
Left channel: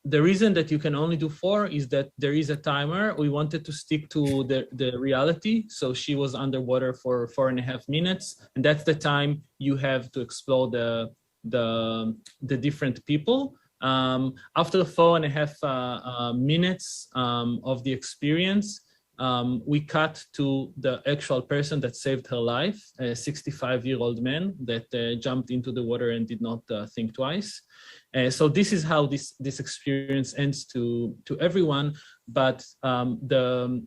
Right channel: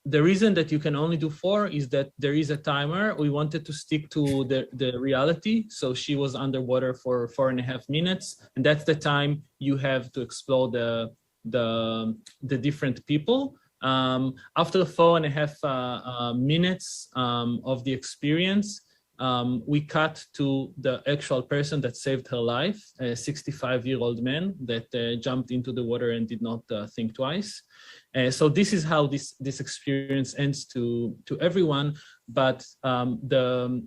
The reason that you can only do 4 is that there is a timer. We wanted to stick to the reality. So she was underwater for 4.5 minutes. And that's the time you have to explore the different people. After 4.5 minutes of the experience, we cut to the actual person that saved her life, a 65-year-old man that jumped into the water and did not think twice. So this is how this experience ends to everyone, but the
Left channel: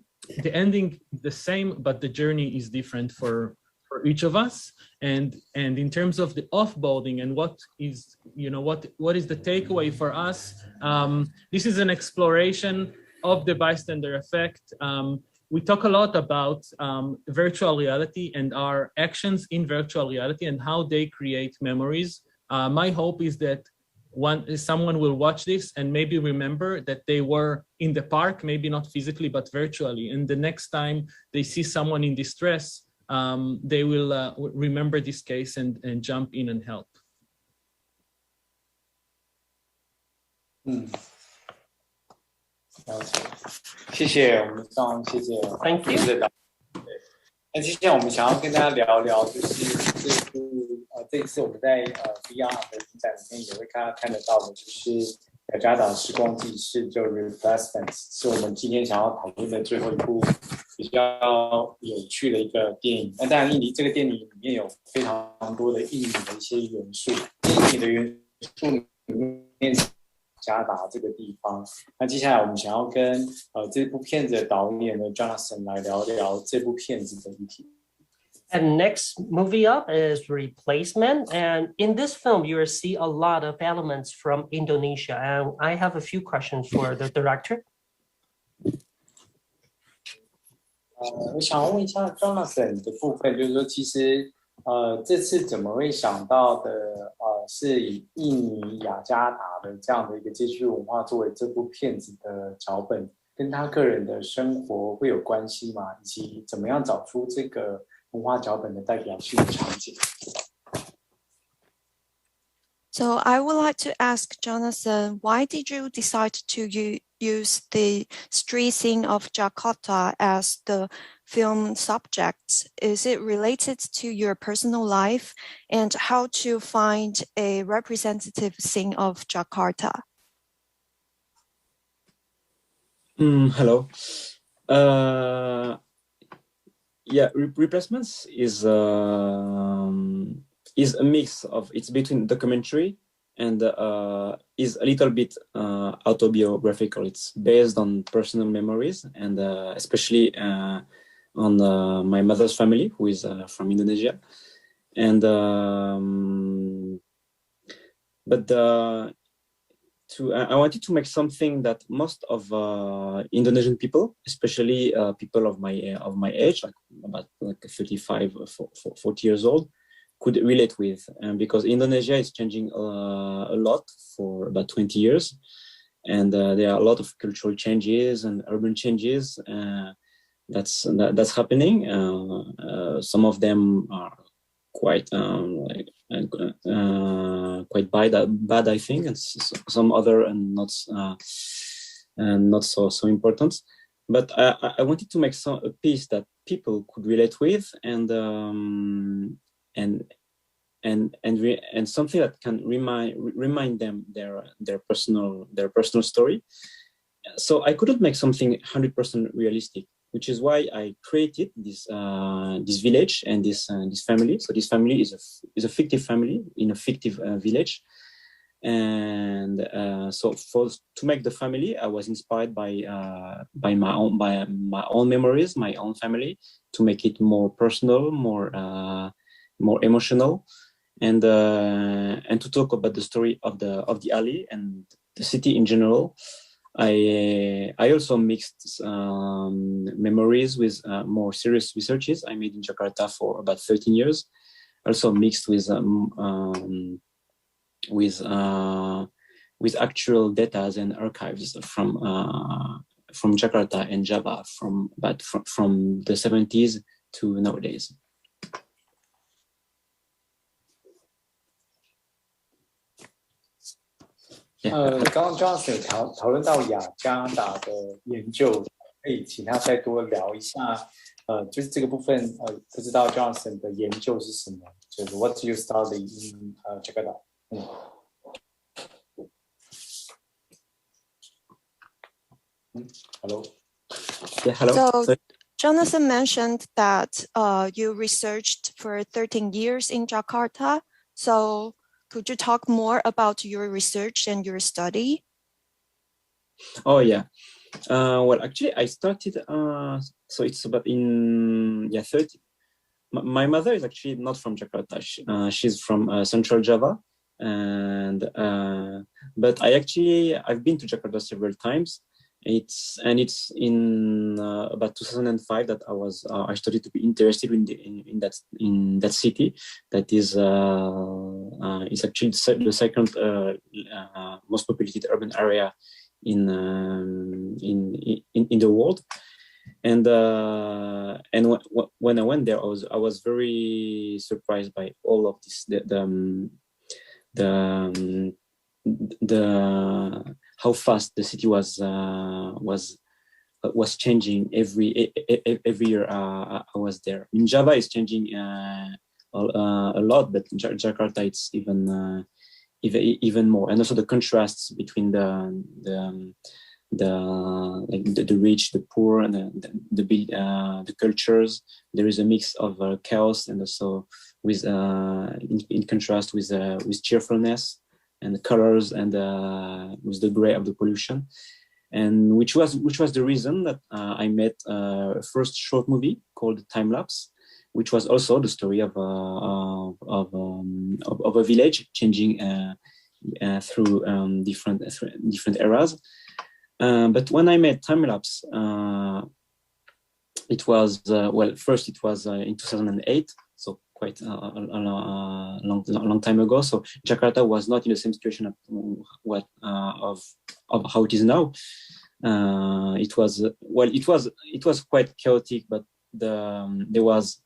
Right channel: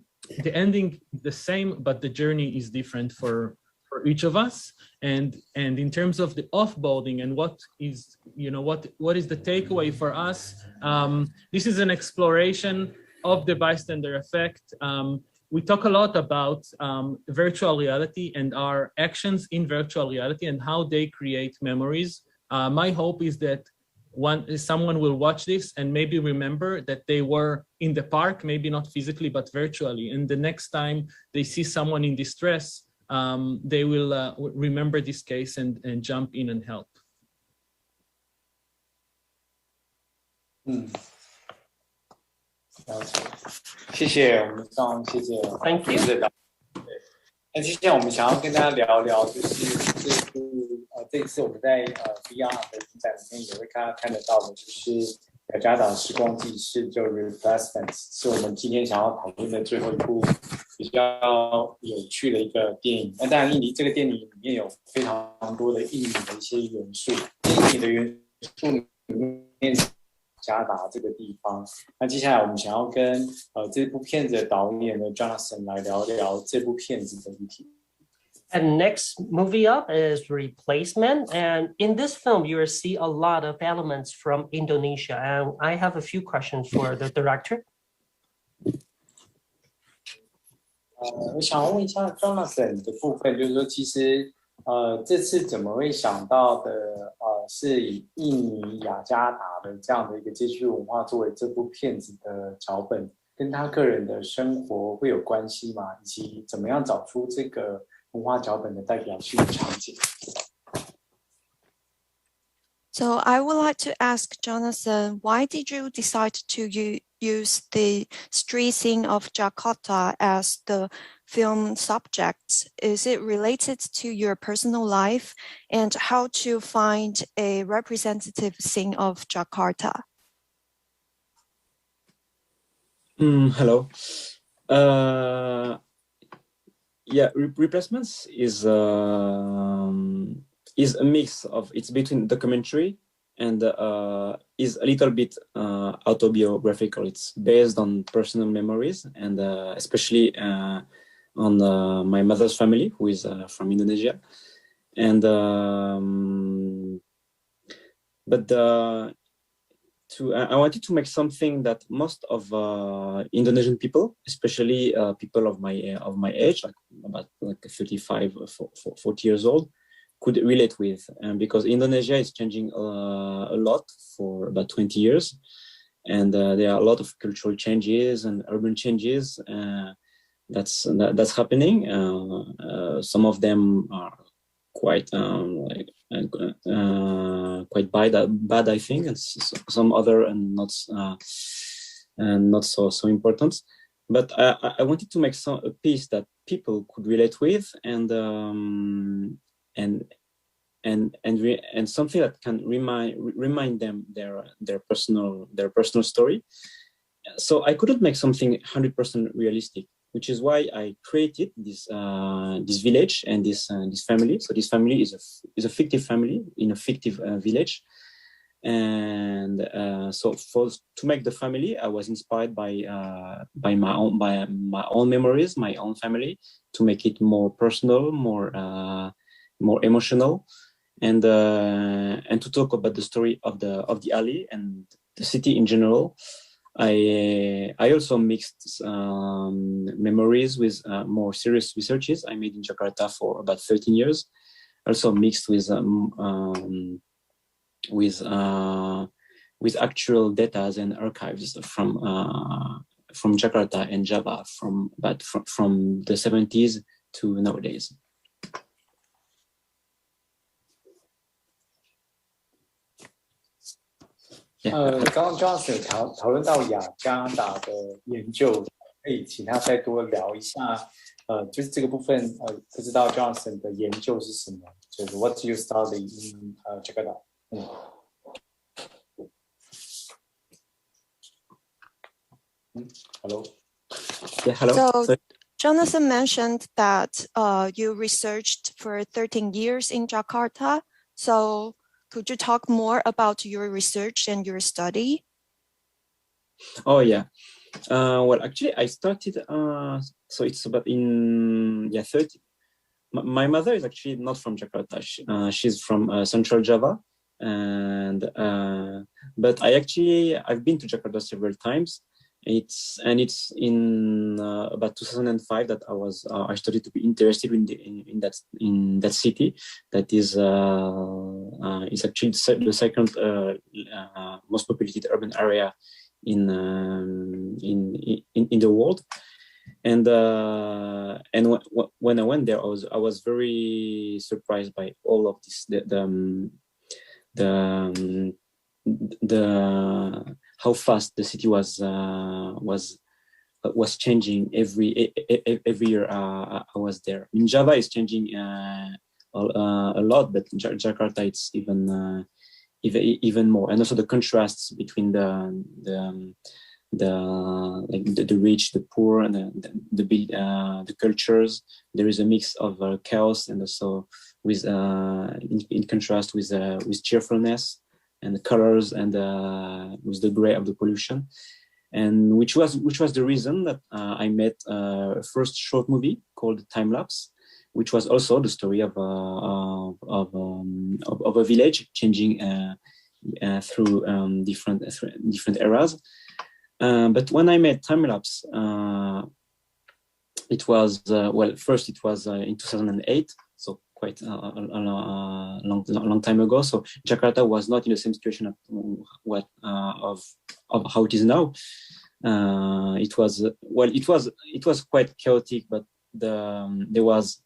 ending the same, but the journey is different for each of us. And in terms of the offboarding and what is the takeaway for us, this is an exploration of the bystander effect. We talk a lot about virtual reality and our actions in virtual reality and how they create memories. My hope is that someone will watch this and maybe remember that they were in the park, maybe not physically, but virtually. And the next time they see someone in distress, they will remember this case and jump in and help. 谢谢我们上，谢谢 Thank you. 那接下来我们想要跟大家聊聊，就是这次我们在VR 的影展里面也会看得到的，就是雅加达时光纪事，就 Raft 是我们今天想要讨论的最后一部比较有趣的一个电影。那当然，印尼这个电影里面有非常多的印尼的一些元素，印尼的元素里面加达这个地方。那接下来我们想要跟这部片子的导演的 Jonathan 来聊聊这部片子的议题。And next movie up is Replacement. And in this film, you will see a lot of elements from Indonesia. And I have a few questions for the director. 我想问一下 Jonathan 的部分，就是说，其实这次怎么会想到的是以印尼雅加达的这样的一个街区文化作为这部片子的脚本，跟他个人的生活会有关系吗？以及怎么样找出这个文化脚本的代表性的场景？ So I would like to ask Jonathan, why did you decide to use the street scene of Jakarta as the film subject? Is it related to your personal life, and how to find a representative scene of Jakarta? Hello. Yeah, Replacements is a mix of, it's between documentary and is a little bit autobiographical. It's based on personal memories and especially on my mother's family, who is from Indonesia. And I wanted to make something that most of Indonesian people, especially people of my age, about 35, 40 years old, could relate with, because Indonesia is changing a lot for about 20 years, and there are a lot of cultural changes and urban changes that's happening. Some of them are quite bad, I think, and some other and not so important. But I wanted to make a piece that people could relate with, and something that can remind them their personal story. So I couldn't make something 100% realistic, which is why I created this village and this family. So this family is a fictive family in a fictive village, and so to make the family, I was inspired by my own memories, my own family, to make it more personal, more emotional, and to talk about the story of the alley and the city in general. I also mixed memories with more serious researches I made in Jakarta for about 13 years. also mixed with actual data and archives from Jakarta and Java from the 70s to nowadays. 刚刚 Jonathan 讨论到雅加达的研究，可以请他再多聊一下，就是这个部分，不知道 Jonathan 的研究是什么？就是 What you study in Jakarta？ Hello. Yeah, hello. So Jonathan mentioned that you researched for 13 years in Jakarta. So could you talk more about your research and your study? Oh yeah. Well, actually, I started. So it's about in 30. My mother is actually not from Jakarta. She's from Central Java, and but I've been to Jakarta several times. It's in about 2005 that I started to be interested in that city. That is actually the second most populated urban area in the world. And when I went there, I was very surprised by all of this. How fast the city was changing every year I was there. In Java, it's changing a lot, but in Jakarta, it's even more. And also the contrasts between the rich, the poor, and the cultures. There is a mix of chaos, and also with in contrast with cheerfulness and colors, and with the gray of the pollution, and which was the reason that I made a first short movie called Time Lapse, which was also the story of a village changing through different eras. But when I made Time Lapse, it was first it was in 2008, so quite a long time ago. So Jakarta was not in the same situation of how it is now. It was quite chaotic, but there was,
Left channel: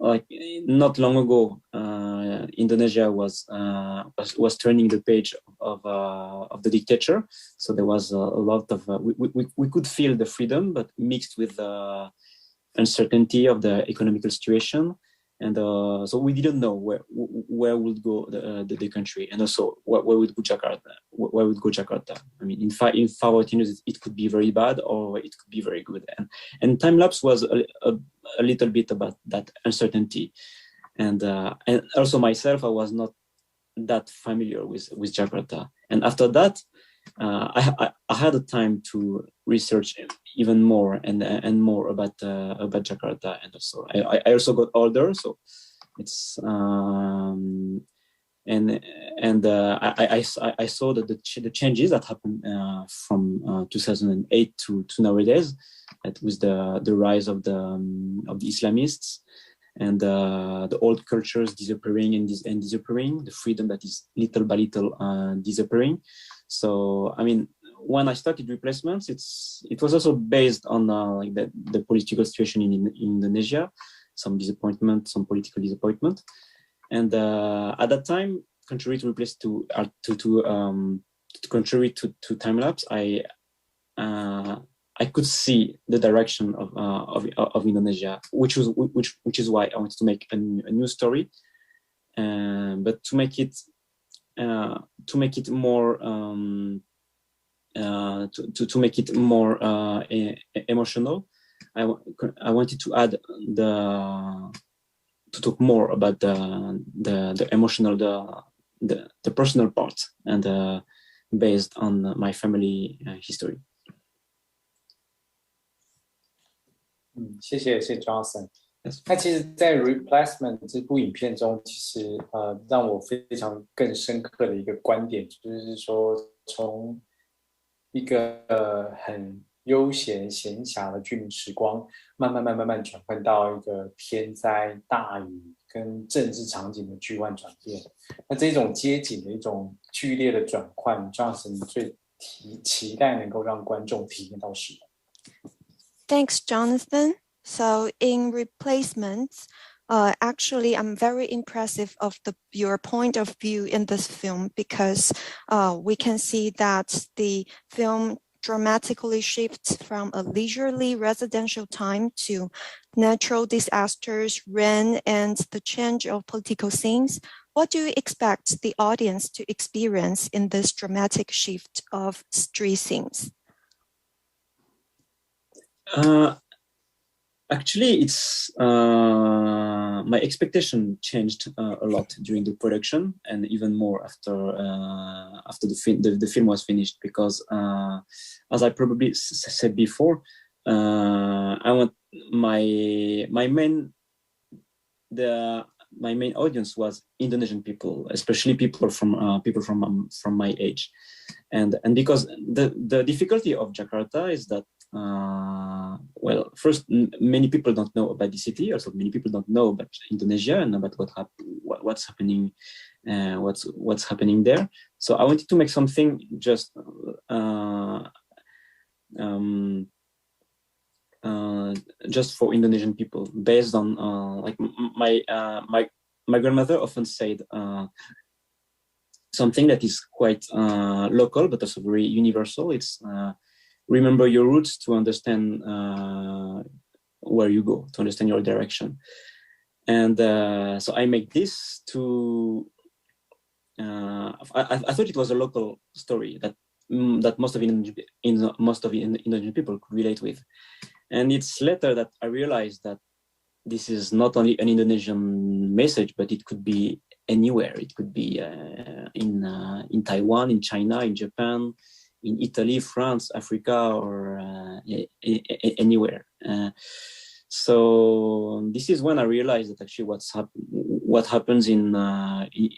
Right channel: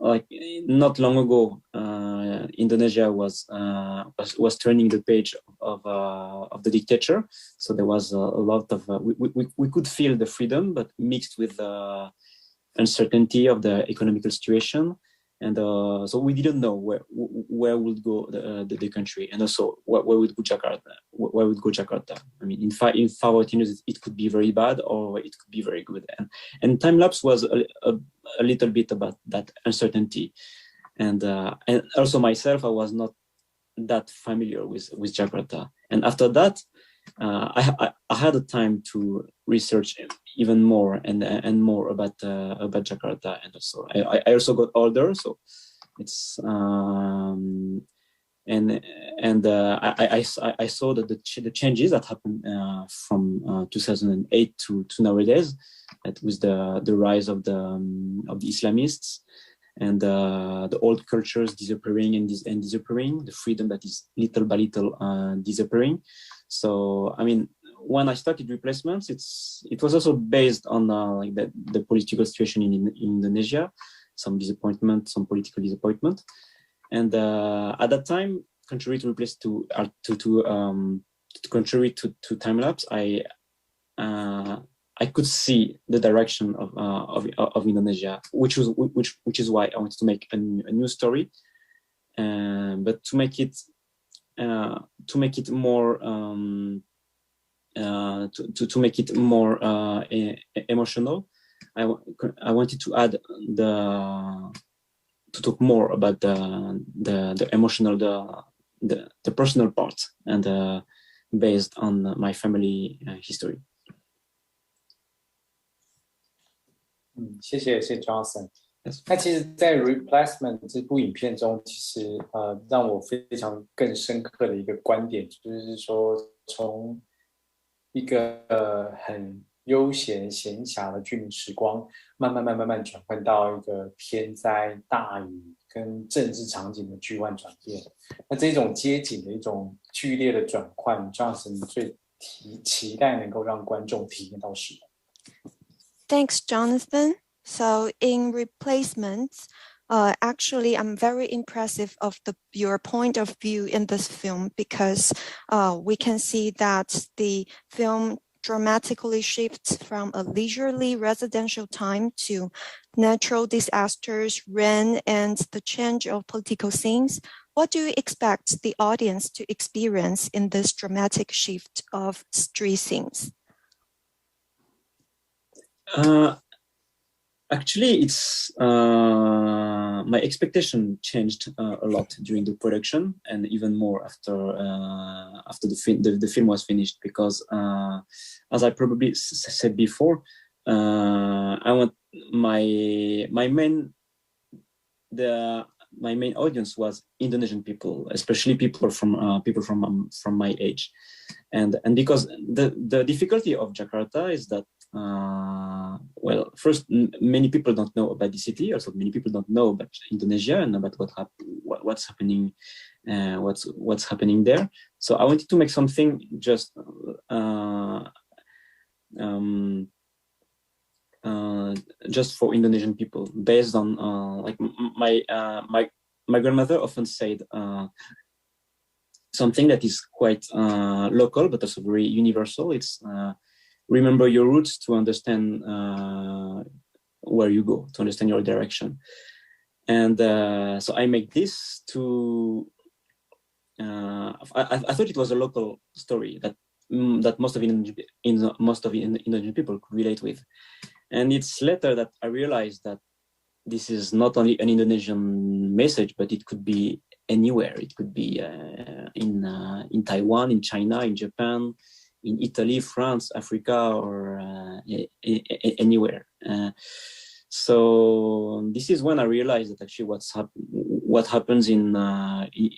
like, not long ago, Indonesia was turning the page of the dictator. So there was a lot of we could feel the freedom, but mixed with uncertainty of the economical situation. And so we didn't know where would go the country, and also where would go Jakarta. Where would go Jakarta? I mean, in 5 years, it could be very bad, or it could be very good. And Time Lapse was a little bit about that uncertainty, and also myself, I was not that familiar with Jakarta. And after that, I had the time to research even more and more about Jakarta, and also I also got older, so it's I saw that the changes that happened from 2008 to nowadays, that was the rise of the Islamists, and the old cultures disappearing and disappearing, the freedom that is little by little disappearing. So I mean, when I started Replacements, it was also based on like the political situation in Indonesia, some political disappointment, and at that time, contrary to Time Lapse, I could see the direction of Indonesia, which is why I wanted to make a new story, but to make it more emotional. I wanted to add to talk more about the emotional, the personal part, and based on my family history. 谢谢 Johnson。那其实，在 Replacement 这部影片中，其实让我非常更深刻的一个观点，就是说，从一个很悠闲闲暇的居民时光，慢慢转换到一个天灾大雨跟政治场景的巨万转变。那这种街景的一种剧烈的转换，这样是你最期待能够让观众体验到什么？ Thanks, Jonathan. So in replacements, actually, I'm very impressive of your point of view in this film because we can see that the film dramatically shifts from a leisurely residential time to natural disasters, rain, and the change of political scenes. What do you expect the audience to experience in this dramatic shift of street scenes? Actually, it's my expectation changed a lot during the production, and even more after the film was finished. Because, as I probably said before, I want my main audience was Indonesian people, especially people from my age, and because the difficulty of Jakarta is that. Well, first, many people don't know about the city. Also, many people don't know about Indonesia and about what's happening there. So I wanted to make something just for Indonesian people, based on like my grandmother often said something that is quite local but also very universal. It's remember your roots to understand where you go, to understand your direction. And so I make this to, I thought it was a local story that most of Indonesian people could relate with. And it's later that I realized that this is not only an Indonesian message, but it could be anywhere. It could be in Taiwan, in China, in Japan, in Italy, France, Africa, or anywhere. So this is when I realized that actually what happens in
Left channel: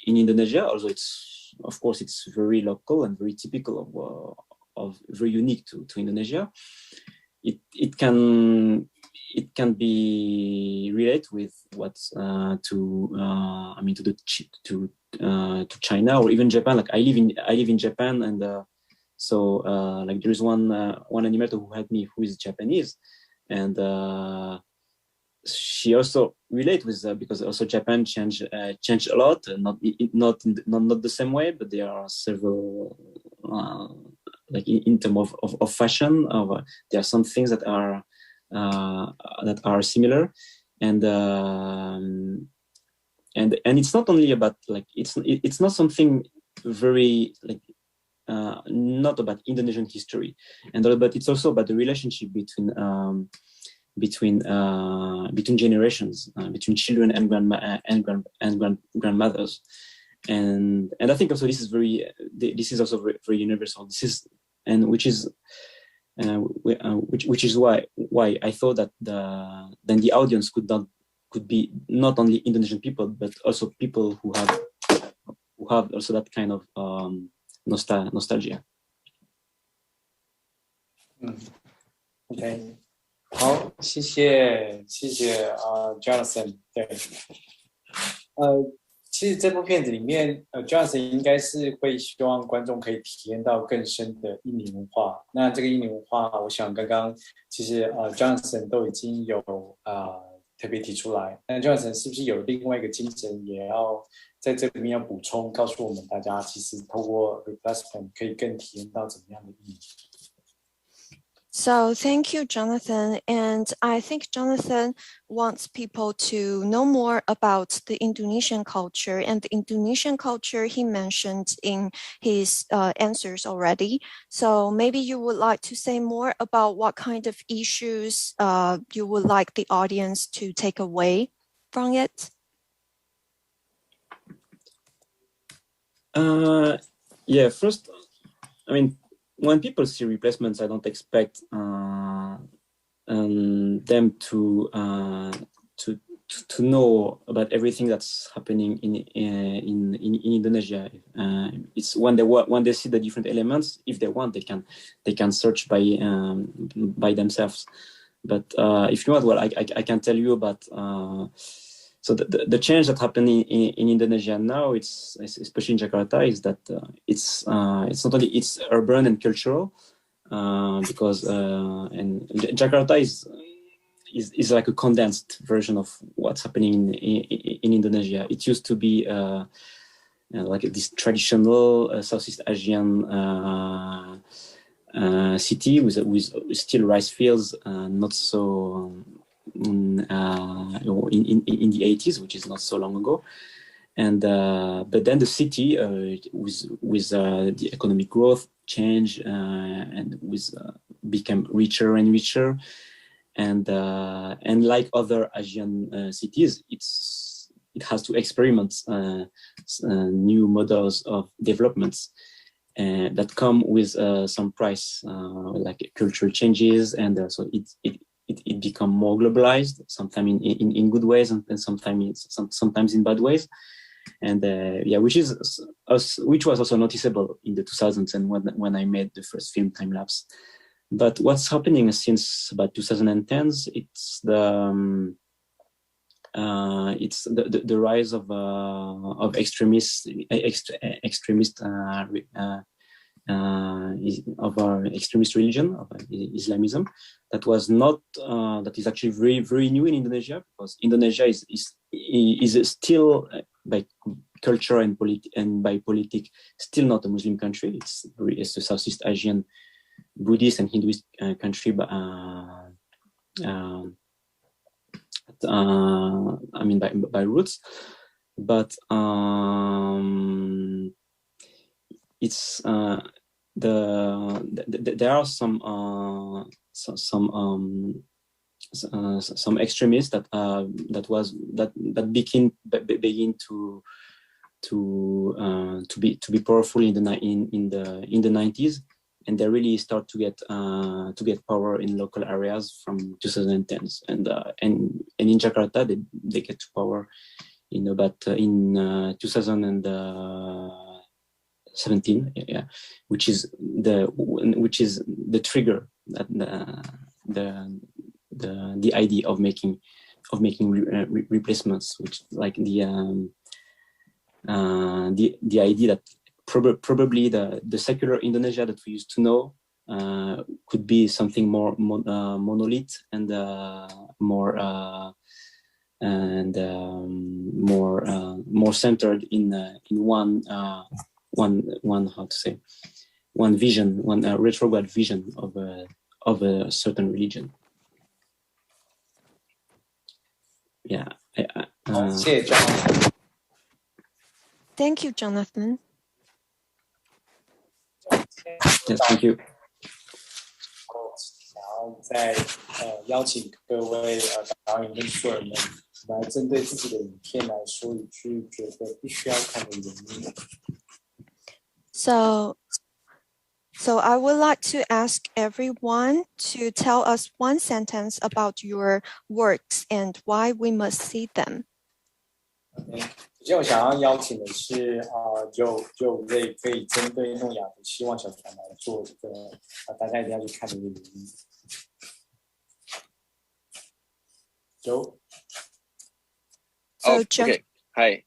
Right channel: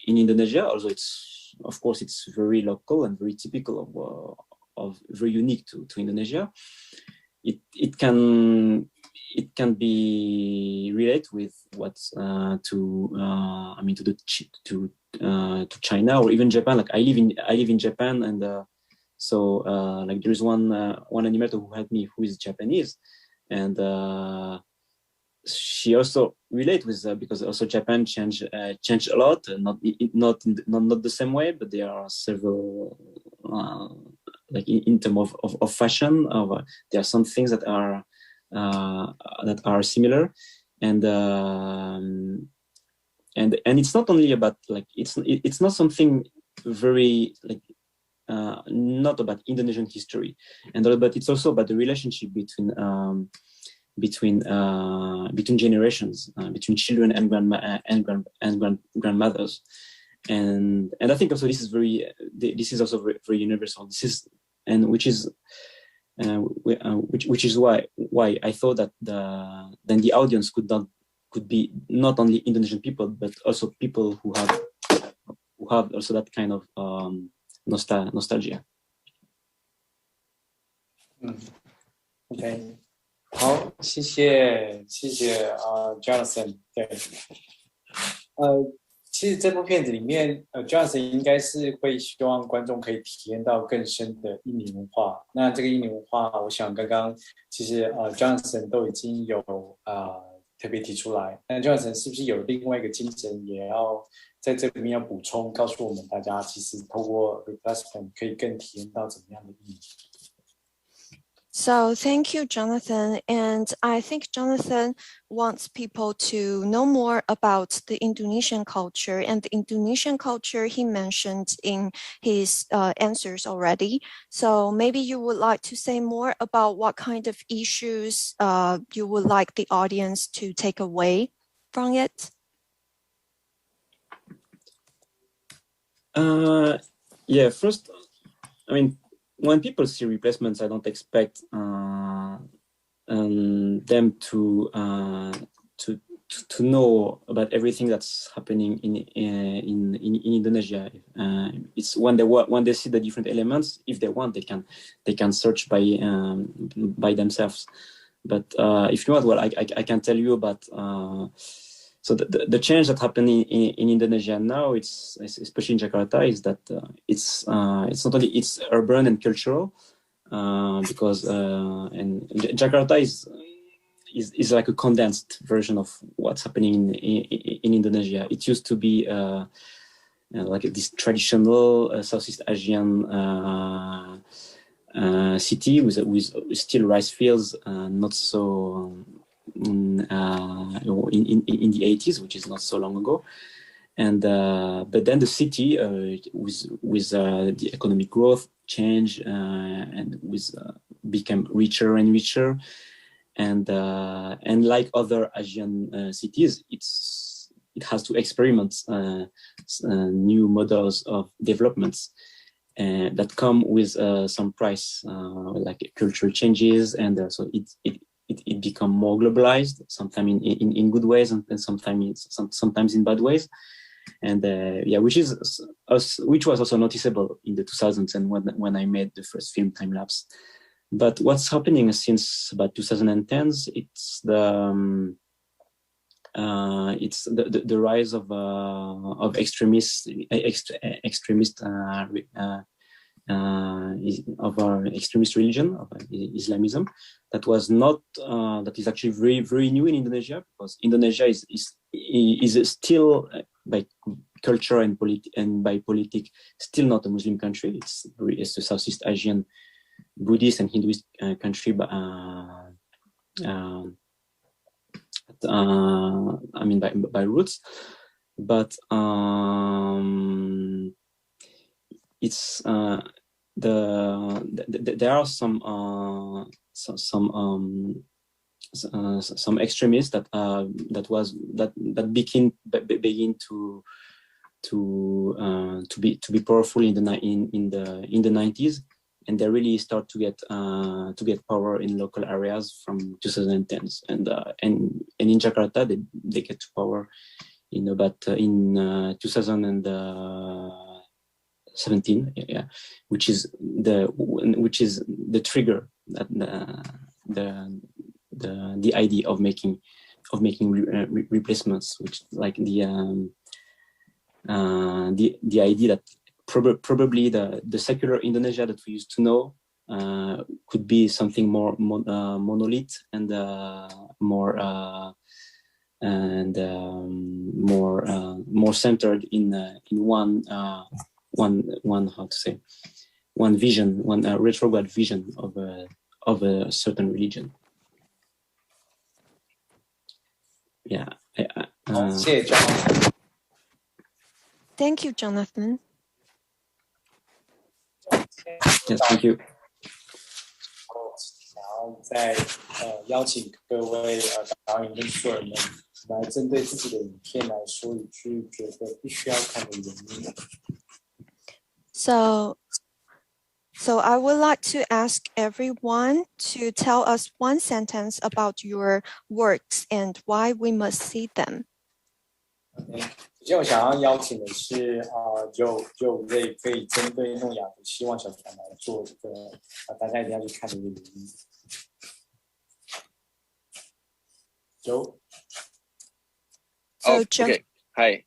Indonesia, although it's of course it's very local and very typical of very unique to Indonesia, it can be related with what's to China or even Japan. Like I live in Japan, and so like there is one animator who helped me who is Japanese, and she also relate with because also Japan changed a lot, not the same way, but there are several like in terms of fashion, there are some things that are similar, and it's not only about like it's not something very like not about Indonesian history, but it's also about the relationship between generations, between children and grandmothers, and I think also this is also very universal. Which is why I thought that then the audience could be not only Indonesian people, but also people who have also that kind of nostalgia. OK， 好，谢谢Jonathan。对，其实这部片子里面，Jonathan 应该是会希望观众可以体验到更深的印尼文化。那这个印尼文化，我想刚刚其实Jonathan 都已经有特别提出来。那 Jonathan 是不是有另外一个精神，也要在这里面要补充，告诉我们大家，其实透过 replacement 可以更体验到怎么样的意义？ So thank you, Jonathan. And I think Jonathan wants people to know more about the Indonesian culture, and the Indonesian culture he mentioned in his answers already. So maybe you would like to say more about what kind of issues you would like the audience to take away from it? Yeah, first, I mean, when people see replacements, I don't expect them to know about everything that's happening in Indonesia. It's when they see the different elements, if they want, they can search by themselves. But if you want, well, I can tell you about So the change that happened in Indonesia now, it's especially in Jakarta, is that it's not only it's urban and cultural, because and Jakarta is like a condensed version of what's happening in Indonesia. It used to be like this traditional Southeast Asian city with still rice fields, not so in the 80s, which is not so long ago. And but then the city with the economic growth change and became richer and richer. And like other Asian cities, it has to experiment new models of developments that come with some price, like cultural changes, and so it become more globalized, sometimes in good ways and sometimes in bad ways. And which was also noticeable in the 2000s and when I made the first film Time Lapse. But what's happening since about 2010s, it's the rise of extremist religion, of Islamism, that is actually very, very new in Indonesia, because Indonesia is still by culture and by politics still not a Muslim country. It's a Southeast Asian Buddhist and Hinduist country, but I mean by roots, but it's there are some extremists that begin to be powerful in the 90s, and they really start to get power in local areas from 2010s, and in Jakarta they get to power in 2017, which is the trigger, that the idea of making replacements, which like the idea that probably the secular Indonesia that we used to know could be something more monolith and more centered in one vision, one retrograde vision of a certain religion. Thank you, Jonathan. Yes, thank you. 想要再邀请各位导演跟素人们来针对自己的影片来说一句觉得必须要看的原因。So I would like to ask everyone to tell us one sentence about your works and why we must see them. 首先我想要邀请的是就可以针对诺亚的希望小船来做这个大家一定要去看的一个原因。Okay. Hi.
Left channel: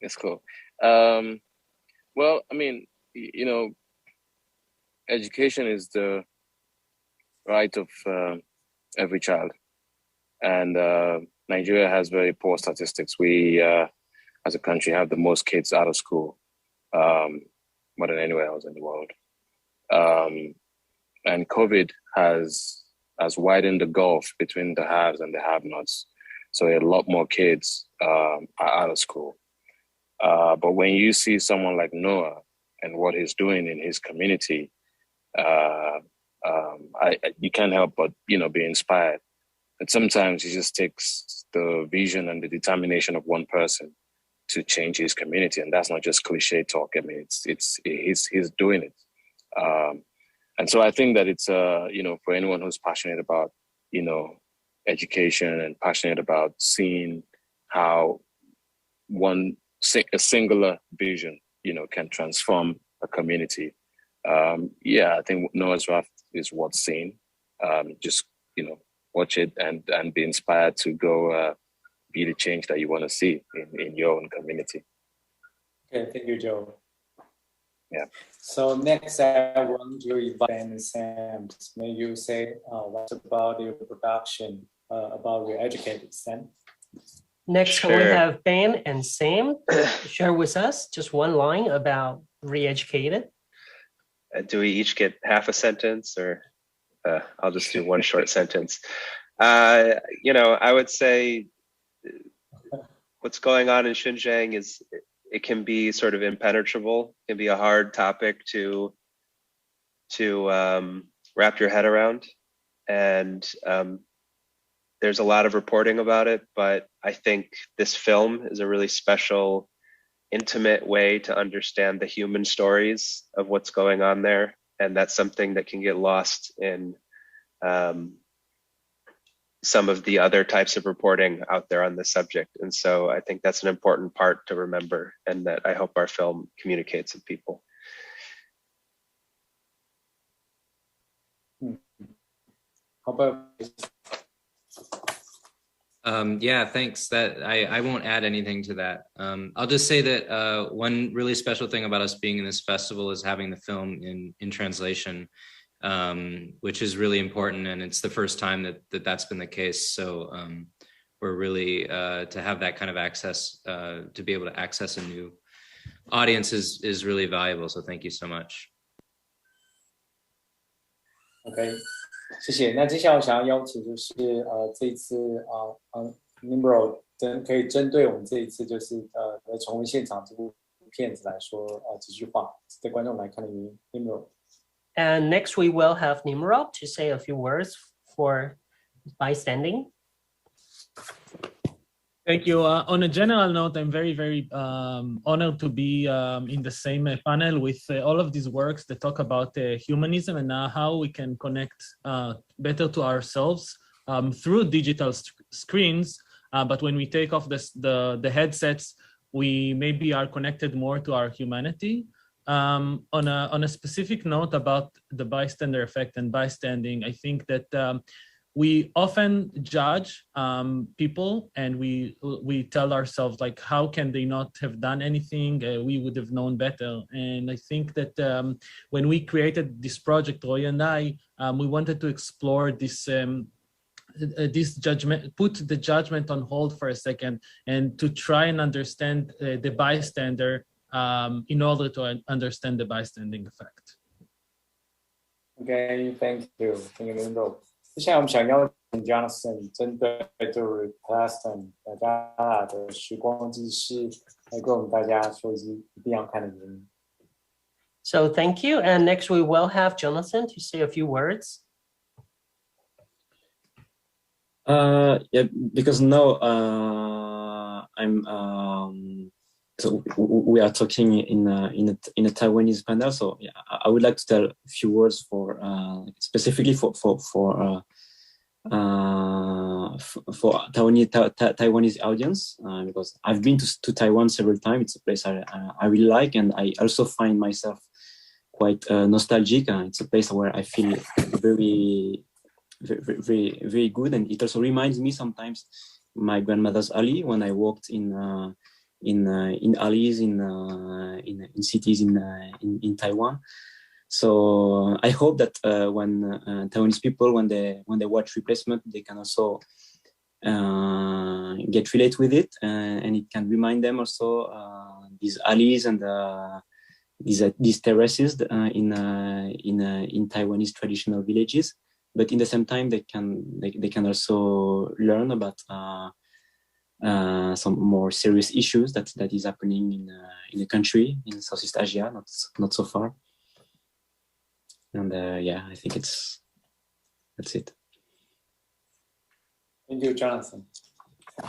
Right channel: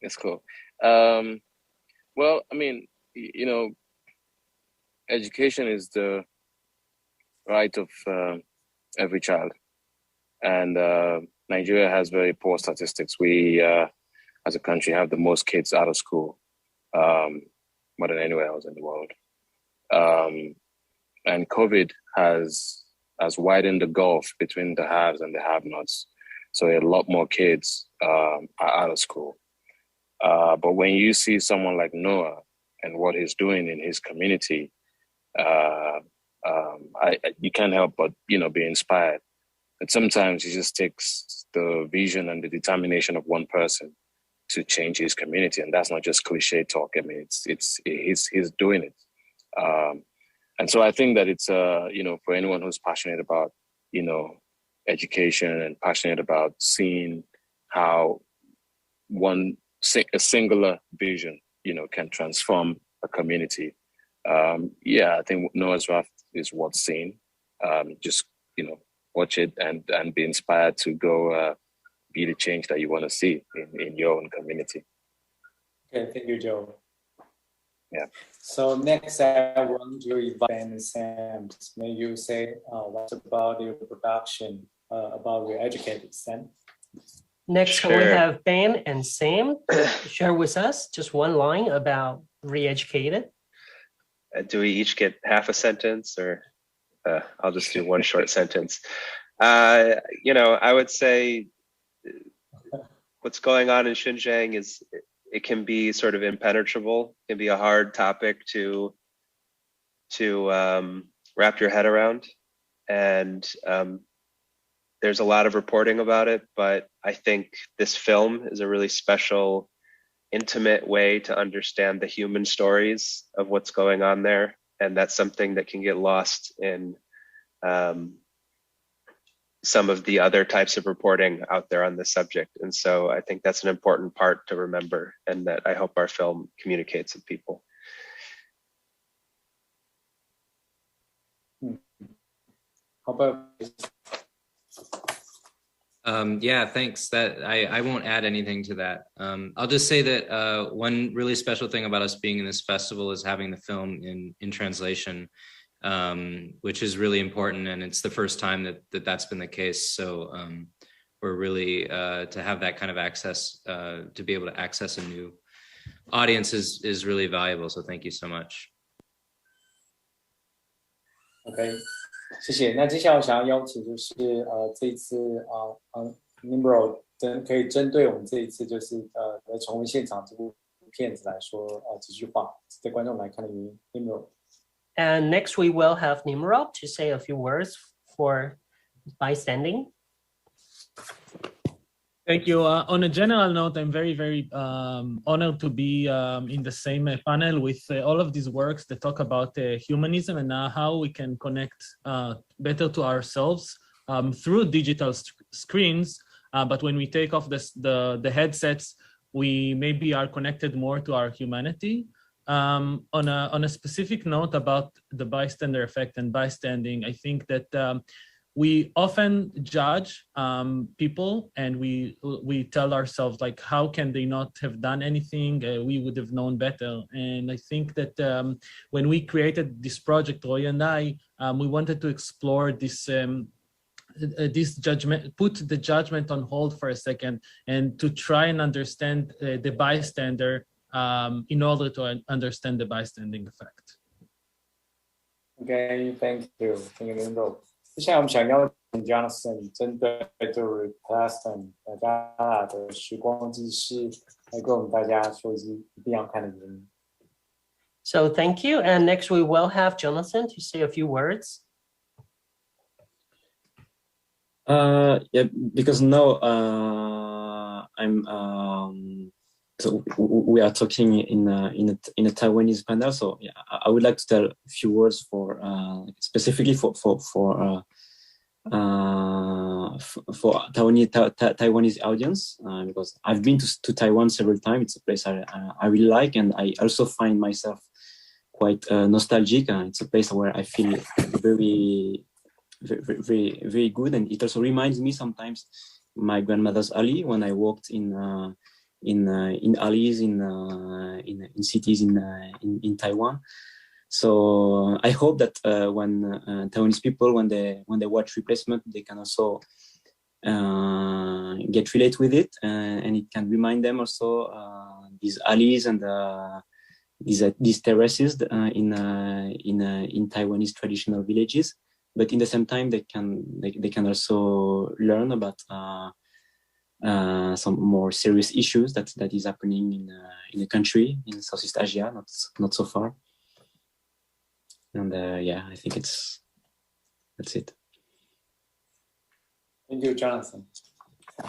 That's cool. Well, I mean, education is the right of every child, and Nigeria has very poor statistics. We, as a country, have the most kids out of school, more than anywhere else in the world. And COVID has widened the gulf between the haves and the have-nots. So a lot more kids are out of school. But when you see someone like Noah and what he's doing in his community, you can't help but be inspired. And sometimes it just takes the vision and the determination of one person to change his community, and that's not just cliche talk. I mean, he's doing it. And so I think that it's for anyone who's passionate about education and passionate about seeing how a singular vision can transform a community. I think Noah's Raft is worth seeing. Just watch it and be inspired to go be the change that you want to see in your own community. Okay, thank you, Joe. Yeah. So next, I want to invite Ben and Sam. May you say what about your production, about Reeducated, Sam? Next, Sure. we have Ben and Sam share with us just one line about Reeducated. Do we each get half a sentence, or I'll just do one short sentence? I would say what's going on in Xinjiang is it can be sort of impenetrable. It can be a hard topic to wrap your head around, and there's a lot of reporting about it. But I think this film is a really special, intimate way to understand the human stories of what's going on there, and that's something that can get lost in some of the other types of reporting out there on this subject. And so I think that's an important part to remember, and that I hope our film communicates with people. How about yeah, thanks. That I won't add anything to that. I'll just say that one really special thing about us being in this festival is having the film in translation, which is really important, and it's the first time that's been the case. So we're really to have that kind of access, to be able to access a new audience is really valuable. So thank you so much. OK， 谢谢。那接下来我想要邀请就是这一次Nimrod 可以针对我们这一次就是重温现场这部片子来说几句话，对观众来看的原因 Nimrod。 And next we will have Nimrod to say a few words for Bystanding. Thank you. On a general note, I'm very, very honored to be in the same panel with all of these works that talk about humanism and how we can connect better to ourselves through digital screens. But when we take off the headsets, we maybe are connected more to our humanity. On a specific note about the bystander effect and bystanding, I think that we often judge people, and we tell ourselves, like, how can they not have done anything? We would have known better. And I think that when we created this project, Roy and I, we wanted to explore this judgment, put the judgment on hold for a second, and to try and understand the bystander in order to understand the bystanding effect. Okay, thank you. Thank you, Nimrod. 接下来我们想邀请 Jonathan 针对就是 Bystanding 雅加达的时光纪事来跟我们大家说一定要看的原因。So thank you. And next we will have Jonathan to say a few words. Yeah, because now so we are talking in a Taiwanese panel. So yeah, I would like to tell a few words for specifically for Taiwanese audience, because I've been to Taiwan several times. It's a place I really like, and I also find myself quite nostalgic. It's a place where I feel very, very, very good, and it also reminds me sometimes my grandmother's alley when I walked in alleys in cities in Taiwan. So I hope that when Taiwanese people, when they watch Replacement, they can also get related with it, and it can remind them also these alleys and these terraces in Taiwanese traditional villages. But in the same time, they can also learn about some more serious issues that is happening in the country in Southeast Asia, not so far. And yeah, I think that's it. Thank you, Jonathan.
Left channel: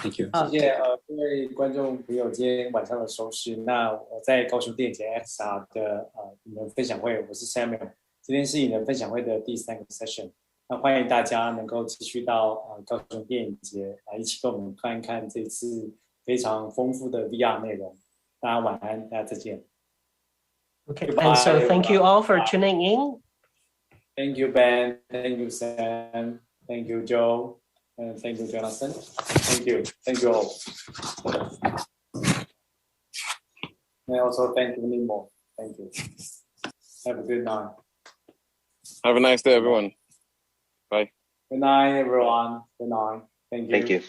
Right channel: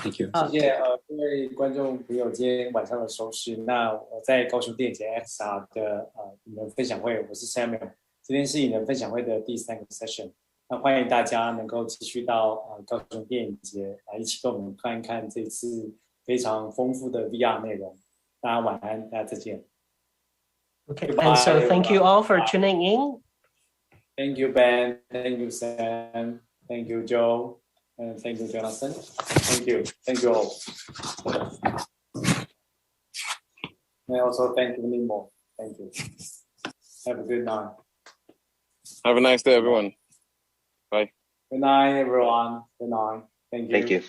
Thank you. 谢谢各位观众朋友今天晚上的收视。那我在高雄电影节 XR 的影人分享会，我是 Samuel。今天是影人分享会的第3个 session。那欢迎大家能够继续到高雄电影节来一起跟我们看一看这次非常丰富的 VR 内容。大家晚安，大家再见。Okay, and so thank you all for tuning in. Thank you, Ben. Thank you, Sam. Thank you, Joe. And thank you, Jonathan. Thank you all. And also thank you, Nimo. Thank you. Have a good night. Have a nice day, everyone. Bye. Good night, everyone. Good night. Thank you. Thank you.